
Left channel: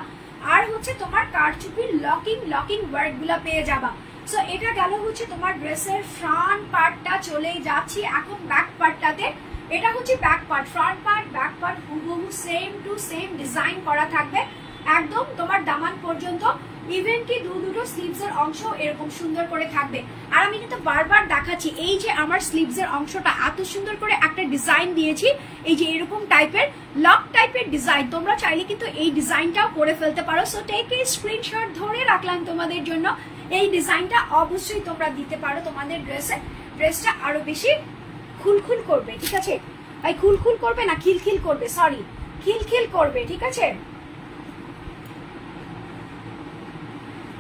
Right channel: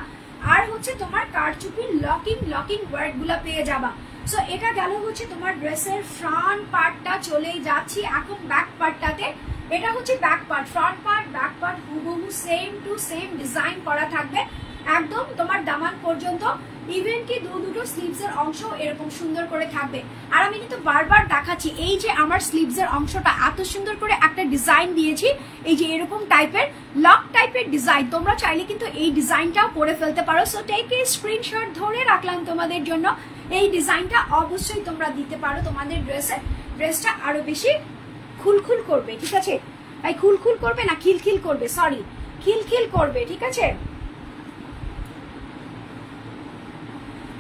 আর হচ্ছে তোমার কারচুপির লকিং ওয়ার্ক গুলা পেয়ে যাবা। সো এটা গেল হচ্ছে তোমার ড্রেসের ফ্রন্ট পার্টটা। চলেই যাচ্ছি এখন ব্যাক পার্টটাতে। এটা হচ্ছে back part, front part back part হুবহু সেম টু সেম ডিজাইন করা থাকবে একদম তোমার দামান পর্যন্ত। ইভেন কি দুটো স্লিভস এর অংশ এরকম সুন্দর করে থাকবে। আর আমি কিন্তু বারবার দেখাচ্ছি, এই যে আমার স্লিভস এর অংশটা এত সুন্দর করে একটা ডিজাইন দিয়েছি, এই যে এরকম টাইপের লক টাইপের ডিজাইন, তোমরা চাইলে কিন্তু এই ডিজাইনটাও করে ফেলতে পারো। সো টেক এ স্ক্রিনশট ধরে রাখলাম তোমাদের জন্য। এই ডিজাইনটা অবশ্যই তোমরা দিতে পারো তোমাদের ড্রেসে। ড্রেসটা আরো বেশি খুলখুল করবে, ঠিক আছে? ভাই খুলখুল করবে না খিলখিল করবে, সরি খিলখিল করবে, ঠিক আছে?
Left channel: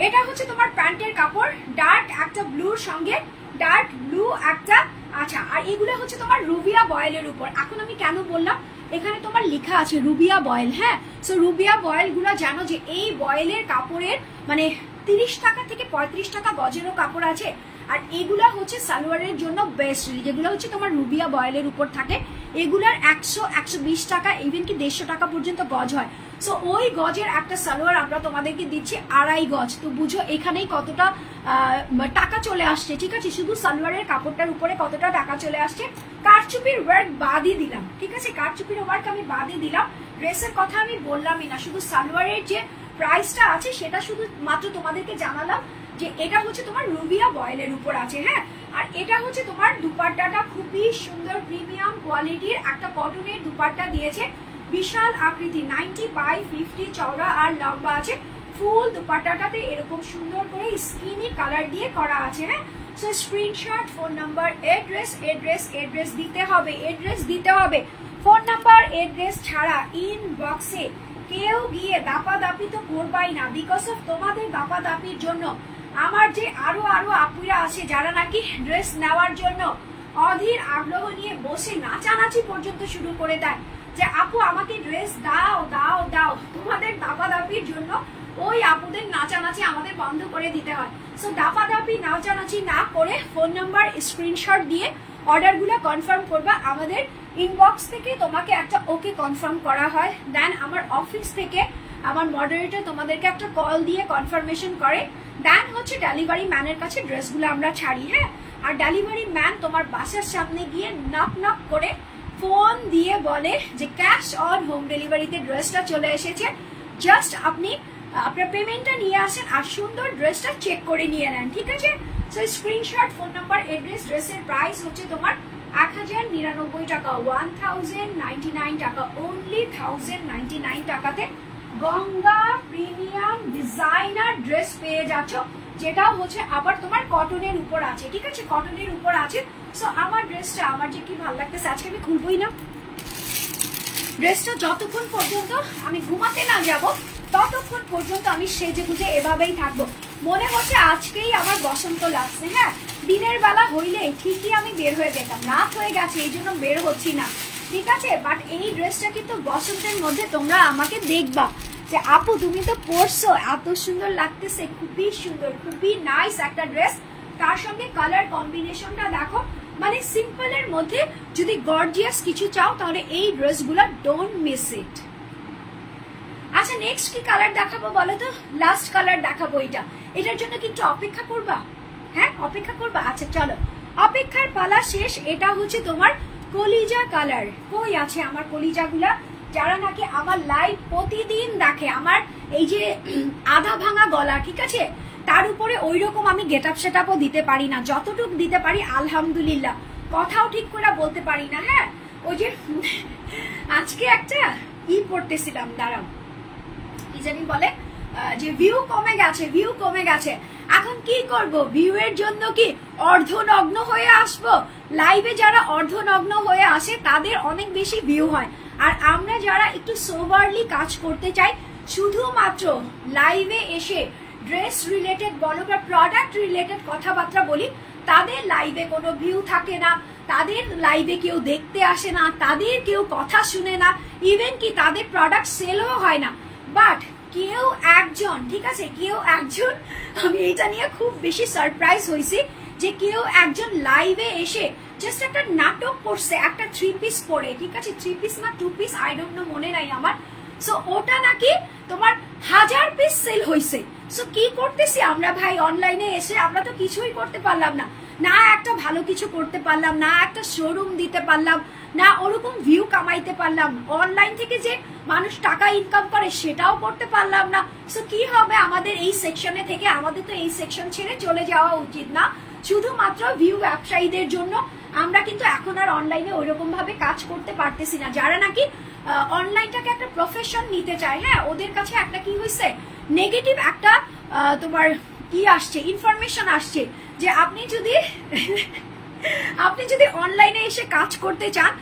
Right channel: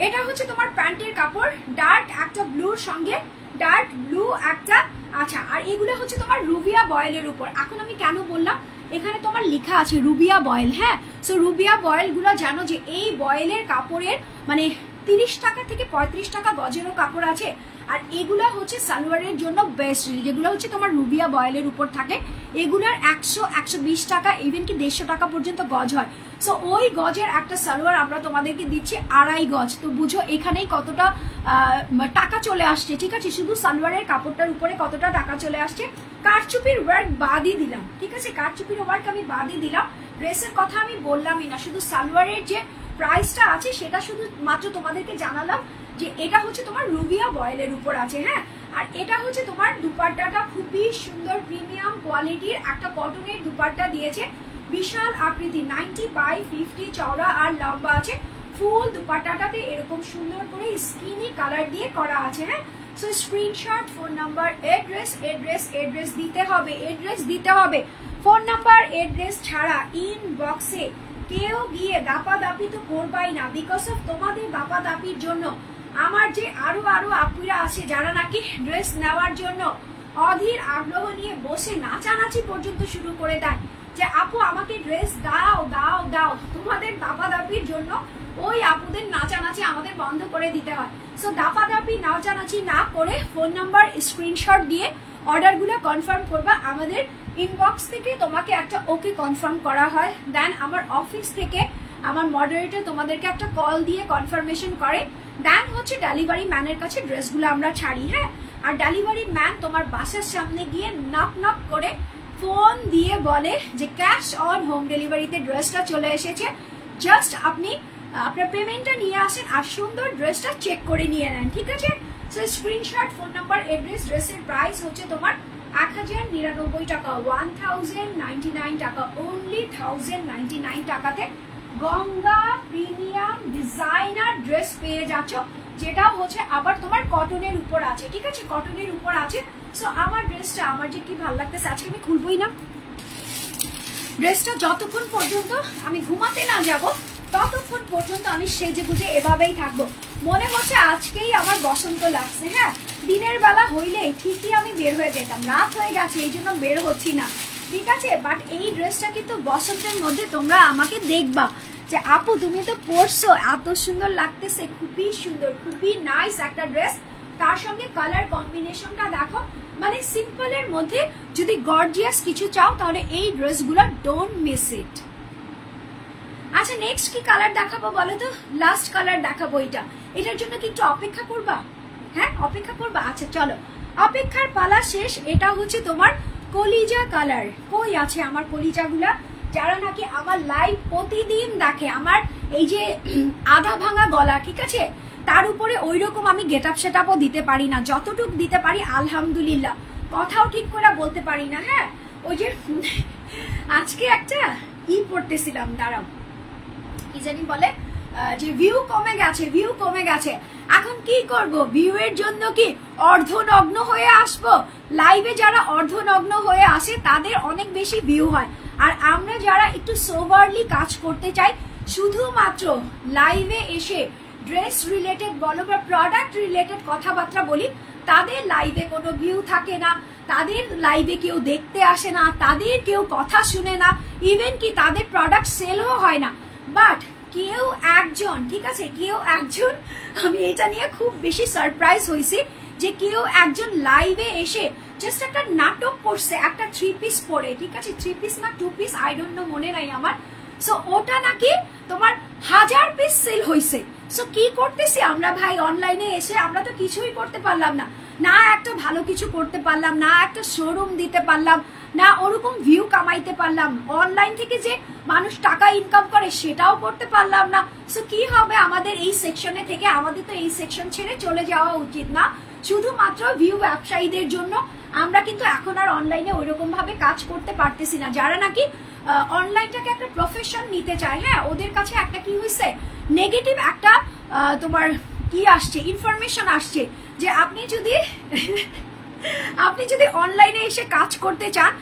এটা হচ্ছে তোমার প্যান্টের কাপড়, ডার্ক একটা ব্লুর সঙ্গে ডার্ক ব্লু একটা, আচ্ছা। আর এগুলো হচ্ছে তোমার রুবিয়া বয়েলের উপর। এখন আমি কেন বললাম, এখানে তোমার লেখা আছে রুবিয়া বয়েল, হ্যাঁ। সো রুবিয়া বয়েল গুলো জানো যে এই বয়েলের কাপড়ের মানে 30 টাকা থেকে 35 টাকা গজেরও কাপড় আছে। আর এগুলা হচ্ছে সালোয়ারের জন্য বেস্ট, যেগুলো হচ্ছে তোমার রুবিয়া বয়েলের উপর থাকে, এগুলার 100-120 টাকা, ইভেন কি 150 টাকা পর্যন্ত গজ হয়। সো ওই গজের একটা সালোয়ার আমরা তোমাদেরকে দিচ্ছি 2.5 গজ। তো বুঝো এখানেই কতটা টাকা চলে আসছে, ঠিক আছে? শুধু সালোয়ারের কাপড়টার উপরে কতটা টাকা চলে আসছে। কারচুপির ওয়ার্ক বাদই দিলাম, ঠিক আছে? কারচুপির ওয়ার্ক আমি বাদই দিলাম, ড্রেসের কথা আমি বললামই না, শুধু সালোয়ারের যে প্রাইসটা আছে সেটা শুধু মাত্র তোমাদেরকে জানালাম যে এটা হচ্ছে তোমার রুবিয়া বয়েলের উপর আছে, হ্যাঁ। আর এটা হচ্ছে তোমার দুপাট্টাটা খুবই সুন্দর প্রিমিয়াম কোয়ালিটির একটা কটনের দুপাট্টা দিয়েছে, বিশাল আকৃতি, 90/50 চওড়া আর লম্বা আছে। ফুল দুপাট্টাটাতে এরকম সুন্দর করে স্কিনি কালার দিয়ে করা আছে, হ্যাঁ। So screenshot, phone number, address দিতে হবে, এড্রেস দিতে হবে। ফোন নাম্বার এড্রেস ছাড়া ইনবক্সে কেউ গিয়ে দাপাদাপি তো করবাই না, বিকজ অফ তোমাদের দাপাদাপির জন্য আমার যে আরো আপুরা আছে যারা নাকি ড্রেস নেওয়ার জন্য অধীর আগ্রহ নিয়ে বসে নাচানাচি পর্যন্ত শুরু করে দেয় যে আপু আমাকে ড্রেস দাও দাও দাও। তোমাদের দাপাদাপির জন্য ওই আপুদের নাচানাচি আমাদের বন্ধ করে দিতে হয়। সো দাপাদাপি নাচানাচি না করে ফোন নাম্বার স্ক্রিনশট দিয়ে অর্ডার গুলো কনফার্ম করবা। আমাদের ইনবক্স থেকে তোমাকে একটা ওকে কনফার্ম করা হয়, দেন আমার অফিস থেকে আমার মডারেটর তোমাদেরকে একটা কল দিয়ে কনফার্মেশন করে, দেন হচ্ছে ডেলিভারি ম্যানের কাছে ড্রেসগুলো আমরা ছাড়ি, হ্যাঁ। আর ডেলিভারি ম্যান তোমার বাসার সামনে গিয়ে নক নক করে ফোন দিয়ে বলে যে ক্যাশ অন হোম ডেলিভারিতে ড্রেসটা চলে এসেছে, জাস্ট আপনি আপনার পেমেন্টটা নিয়ে আসেন আর সুন্দর ড্রেসটা চেক করে নিয়ে নেন, ঠিক আছে? So screenshot, phone number, address, ড্রেসের প্রাইস হচ্ছে তোমার 1099 টাকা, 1099 টাকা, অনলি 1099 টাকাতে গঙ্গা প্রিমিয়াম ডিজাইনার ড্রেস পেয়ে যাচ্ছ, যেটা হচ্ছে আবার তোমার কটনের উপর আছে, ঠিক আছে? কটনের উপর আছে। সো আমার ড্রেসটা আমার যে কি ভালো লাগতেছে, আজকে আমি খুলবই না ড্রেসটা, যতক্ষণ পর্যন্ত আমি ঘুমাতে না যাব ততক্ষণ পর্যন্ত আমি সেজে গুজে এভাবেই থাকবো। মনে হচ্ছে আজকেই আমার বসন্ত লাগছে, হ্যাঁ। দিনের বেলা হইলে ঠিকই আমি বের হয়ে যেতাম, রাত হয়ে গেছে এই জন্য বের হচ্ছি না, ঠিক আছে? বাট এই ড্রেসটা কিন্তু বসন্তের মধ্যে তোমরা আমাকে দেখবা যে আপু তুমি তো পরছো, এত সুন্দর লাগতেছে, খুবই সুন্দর, খুবই নাইস একটা ড্রেস। তার সঙ্গে কালার কম্বিনেশনটা দেখো, মানে সিম্পলের মধ্যে যদি গর্জিয়াস কিছু চাও তাহলে এই ড্রেসগুলো ডোন্ট মিস ইট। আচ্ছা নেক্সট কি কালার দেখাবো বলো তো? লাস্ট কালার দেখাবো এটা, এটার জন্য কি একটু অপেক্ষা করবা? হ্যাঁ অপেক্ষা করবা, আচ্ছা চলো অপেক্ষার পালা শেষ। এটা হচ্ছে তোমার কলিজা কালার। কই আছে আমার কলিজাগুলা? যারা নাকি আমার লাইভ প্রতিদিন দেখে, আমার এই যে আধা ভাঙা গলা, ঠিক আছে, তার উপরে ওই রকম আমি গেট আপ সেট আপও দিতে পারি না, যতটুক দিতে পারি আলহামদুলিল্লাহ, কথাও ঠিক করে বলতে পারি না, হ্যাঁ। ওই যে আজকে একটা পড়তেছিলাম, দাঁড়াও কি জানি বলে যে ভিউ কমে গেছে, ভিউ কমে গেছে, এখন কি করব? ভিউ এর জন্য কি অর্ধনগ্ন হয়ে আসবো? লাইভে যারা অর্ধনগ্ন হয়ে আসে তাদের অনেক বেশি ভিউ হয়, আর আমরা যারা একটু সোভারলি কাজ করতে চাই, শুধুমাত্র লাইভে এসে ড্রেস রিলেটেড বলো বা প্রোডাক্ট রিলেটেড কথাবার্তা বলি, তাদের লাইভে কোনো ভিউ থাকে না, তাদের লাইভে কেউ দেখতে আসে না, তাদের কেউ কথা শুনে না, ইভেন কি তাদের প্রোডাক্ট সেলও হয় না। বাট কেউ একজন, ঠিক আছে, কেউ একজন, আমি এটা নিয়ে খুব বেশি সারপ্রাইজ হয়েছি যে কেউ একজন লাইভে এসে জাস্ট একটা নাটক করছে একটা 3 পিস পরে, ঠিক আছে, 3 পিস না 2 পিস আই ডোন্ট নো, মনে নাই আমার। সো ওটা নাকি তোমার 1000 পিস সেল হয়েছে। সো কি করতেছি আমরা ভাই অনলাইনে এসে? আমরা তো কিছুই করতে পারলাম না, না একটা ভালো কিছু করতে পারলাম না, একটা শোরুম দিতে পারলাম না, ওরকম ভিউ কামাইতে পারলাম, অনলাইন থেকে যে মানুষ টাকা ইনকাম করে সেটাও করতে পারলাম না। সো কি হবে আমাদের এই সেকশনে থেকে? আমাদের তো এই সেকশন ছেড়ে চলে যাওয়া উচিত না, শুধুমাত্র ভিউ ব্যবসায়ীদের জন্য আমরা কিন্তু এখন আর অনলাইনে ওইরকম ভাবে কাজ করতে পারতেছি না। যারা নাকি অনলাইনটাকে একটা প্রফেশন নিতে চায়, হ্যাঁ, ওদের কাছে একটা কি হয়েছে, নেগেটিভ একটা তোমার কি আসছে, ইনফরমেশন আসছে যে আপনি যদি আপনি যদি অনলাইনে এসে কাজ করতে চান,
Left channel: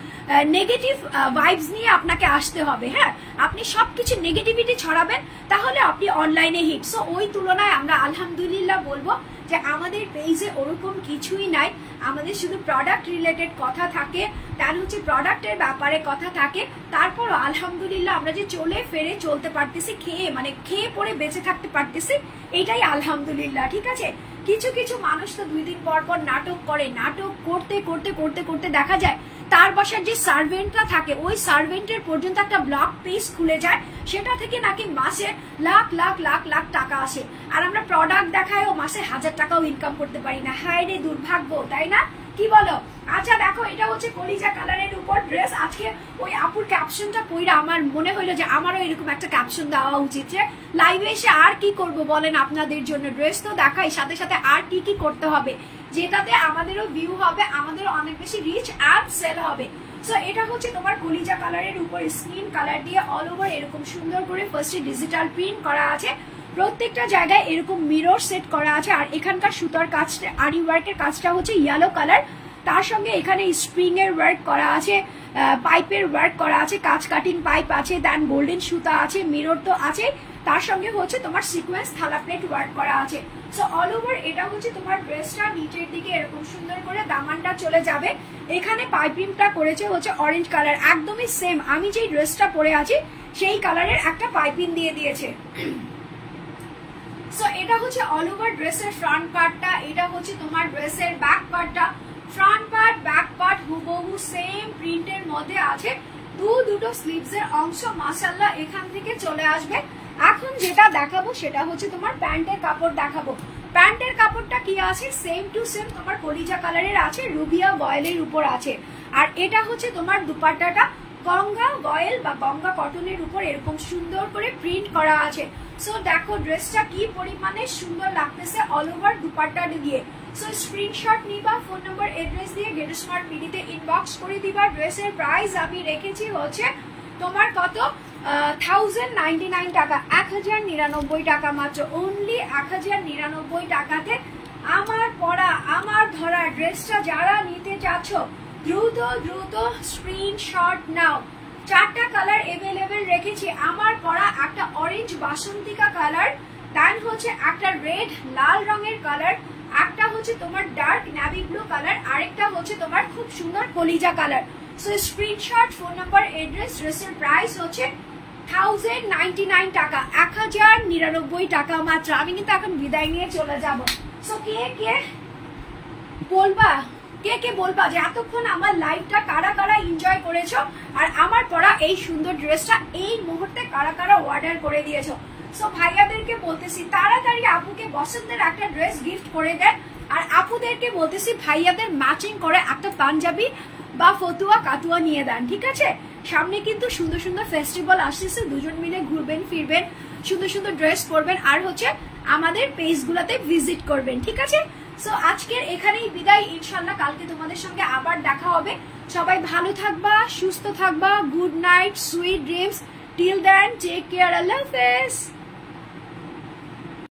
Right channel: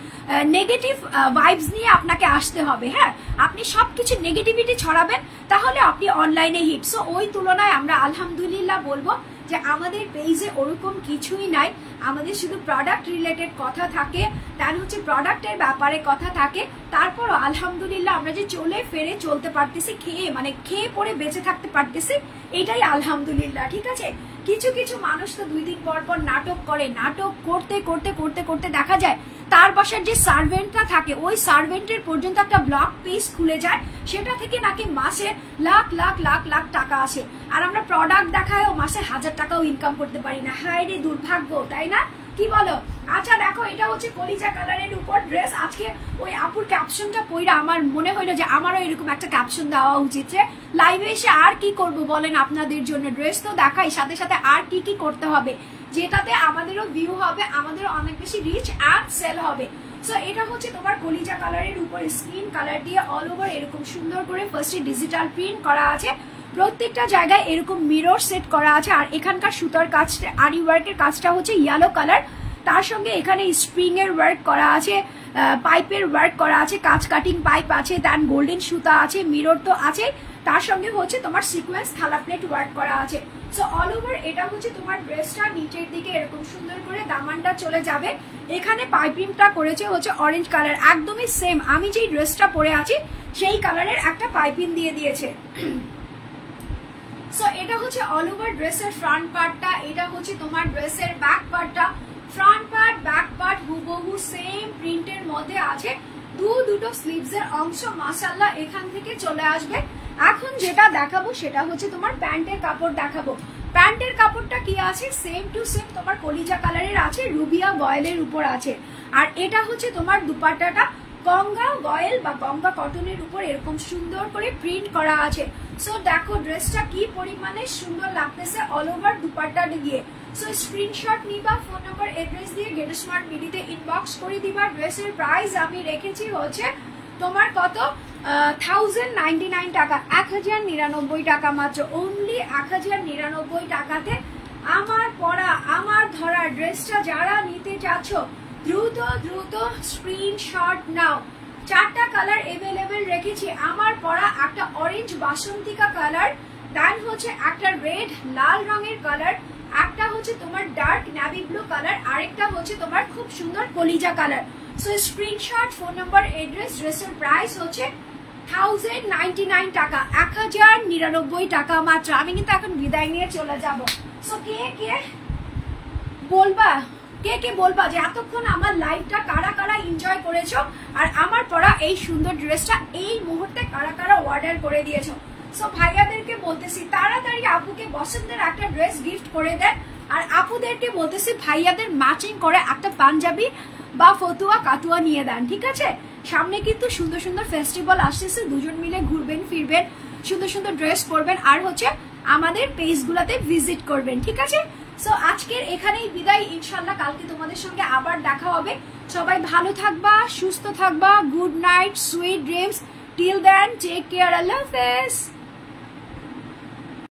নেগেটিভ ভাইবস নিয়ে আপনাকে আসতে হবে। হ্যাঁ, আপনি সবকিছু নেগেটিভিটি ছড়াবেন, তাহলে আপনি অনলাইনে হিট। সো ওই তুলনায় আমরা আলহামদুলিল্লাহ বলবো যে আমাদের পেজে ওরকম কিছুই নাই। আমাদের শুধু প্রোডাক্ট রিলেটেড কথা থাকে, তার হচ্ছে প্রোডাক্টের ব্যাপারে কথা থাকে। তারপরও আলহামদুলিল্লাহ আমরা যে চলে ফেরে চলতে পারতেছি, খেয়ে পরে বেঁচে থাকতে পারতেছি, এটাই আলহামদুলিল্লাহ। ঠিক আছে, কিছু কিছু মানুষ তো 2 দিন পর পর নাটক করে, নাটক করতে করতে করতে করতে দেখা যায় তার বাসার যে সার্ভেন্টরা থাকে, ওই সার্ভেন্টের পর্যন্ত একটা ব্লগ পেজ খুলে যায়, সেটা থেকে নাকি মাসে লাখ লাখ লাখ লাখ টাকা আসে। আর আমরা প্রোডাক্ট দেখায়ও মাসে 1000 টাকাও ইনকাম করতে পারি না। হায় রে দুর্ভাগ্য, তাই না? কি বলো? আচ্ছা দেখো, এটা হচ্ছে কলিজা কালারের উপর ড্রেস। আজকে ওই আপুর ক্যাপশনটা পড়া আমার মনে হলো যে আমারও এরকম একটা ক্যাপশন দেওয়া উচিত, যে লাইভে এসে আর কি করব বলেন আপনাদের জন্য। ড্রেস তো দেখাই, সাথে সাথে আর কি কি করতে হবে, যেটাতে আমাদেরও ভিউ হবে, আমাদেরও অনেক বেশি রিচ আর সেল হবে। সো এটা হচ্ছে তোমার কলিজা কালারের উপর স্কিন কালার দিয়ে অল ওভার এরকম সুন্দর করে ফার্স্টে ডিজিটাল প্রিন্ট করা আছে। প্রত্যেকটা জায়গায় এরকম মিরর সেট করা আছে। আর এখানকার সুতার কাজটা, আরি ওয়ার্কের কাজটা হচ্ছে ইয়েলো কালার। তার সঙ্গে এখানে স্প্রিং এর ওয়ার্ক করা আছে, পাইপের ওয়ার্ক করা আছে, কাজ কাটিং পাইপ আছে, দেন গোল্ডেন সুতা আছে, মিরর তো আছে, তার সঙ্গে হচ্ছে তোমার সিকোয়েন্স থালা প্লেট ওয়ার্ক করা আছে। সো অল ওভার এটা হচ্ছে তোমার ড্রেসটা নিচের দিকে এরকম সুন্দর করে দামানটা চলে যাবে। এখানে পাইপিংটা করেছে হচ্ছে অরেঞ্জ কালার, একদমই সেম আমি যেই ড্রেসটা পরে আছি সেই কালারের একটা পাইপিং দিয়ে দিয়েছে। সো এটা হচ্ছে অল ওভার ড্রেসের ফ্রন্ট পার্টটা, এটা হচ্ছে তোমার ড্রেসের ব্যাক পার্টটা। ফ্রন্ট পার্ট ব্যাক পার্ট হুবহু সেম প্রিন্টের মধ্যে আছে। দুটো স্লিভস এর অংশ মাশাআল্লাহ এখান থেকে চলে আসবে। এখন যেটা দেখাবো সেটা হচ্ছে তোমার প্যান্টের কাপড় দেখাবো। প্যান্টের কাপড়টা কি আছে, সেম টু সেম তোমার কলিজা কালারের আছে, রুবিয়া বয়েলের উপর আছে। আর এটা হচ্ছে তোমার দুপাট্টাটা গঙ্গা বয়েল বা গঙ্গা কটনের উপর এরকম সুন্দর করে প্রিন্ট করা আছে। সো দেখো ড্রেসটা কি পরিমাণে সুন্দর লাগতেছে অল ওভার দুপাট্টা দিয়ে। সো স্ক্রিনশট নিবা, ফোন নম্বর এড্রেস দিয়ে গেট স্মার্ট বিডিতে ইনবক্স করে দিবা। ড্রেসের প্রাইস আমি রেখেছি হচ্ছে তোমার কত, 1099 টাকা, 1099 টাকা মাত্র, অনলি 1099 টাকাতে আমার পরা আমার ধরা ড্রেসটা যারা নিতে চাচ্ছ দ্রুত দ্রুত স্ক্রিনশট নাও। 4টা কালার এভেলেবেল রেখেছি আমার পরা, একটা অরেঞ্জ বাসন্তিকা কালার, দেন হচ্ছে একটা রেড লাল রঙের কালার, একটা হচ্ছে তোমার ডার্ক নেভি ব্লু কালার, আরেকটা হচ্ছে তোমার খুব সুন্দর কলিজা কালার। সো স্ক্রিনশট, ফোন নম্বর, এড্রেস। ড্রেসের প্রাইস হচ্ছে 1099 টাকা, 1099 টাকা মাত্র। আমি কিন্তু এখন বিদায় নিয়ে চলে যাব। সো কে কে বলবা যে এতক্ষণ আমার লাইভটা কারা কারা এনজয় করেছো, আর আমার পরা এই সুন্দর ড্রেসটা এই মুহূর্তে কারা কারা অর্ডার করে দিয়েছো। সো ভাইয়াদেরকে বলতেছি তাড়াতাড়ি আপুকে বসন্তের একটা ড্রেস গিফট করে দেন, আর আপুদেরকে বলতেছি ভাইয়াদের ম্যাচিং করে একটা পাঞ্জাবি বা ফতুয়া কাতুয়া নিয়ে দেন। ঠিক আছে, সামনে কিন্তু সুন্দর সুন্দর ফেস্টিভ্যাল আসতেছে, দুজন মিলে ঘুরবেন ফিরবেন, সুন্দর সুন্দর ড্রেস পরবেন, আর হচ্ছে আমাদের পেজগুলোতে ভিজিট করবেন। ঠিক আছে, সো আজকের এখানেই বিদায়, ইনশাল্লাহ কালকে তোমাদের সঙ্গে আবার দেখা হবে। সবাই ভালো থাকবা, সুস্থ থাকবা, good night, sweet dreams, till then take care, আল্লাহ হাফেজ।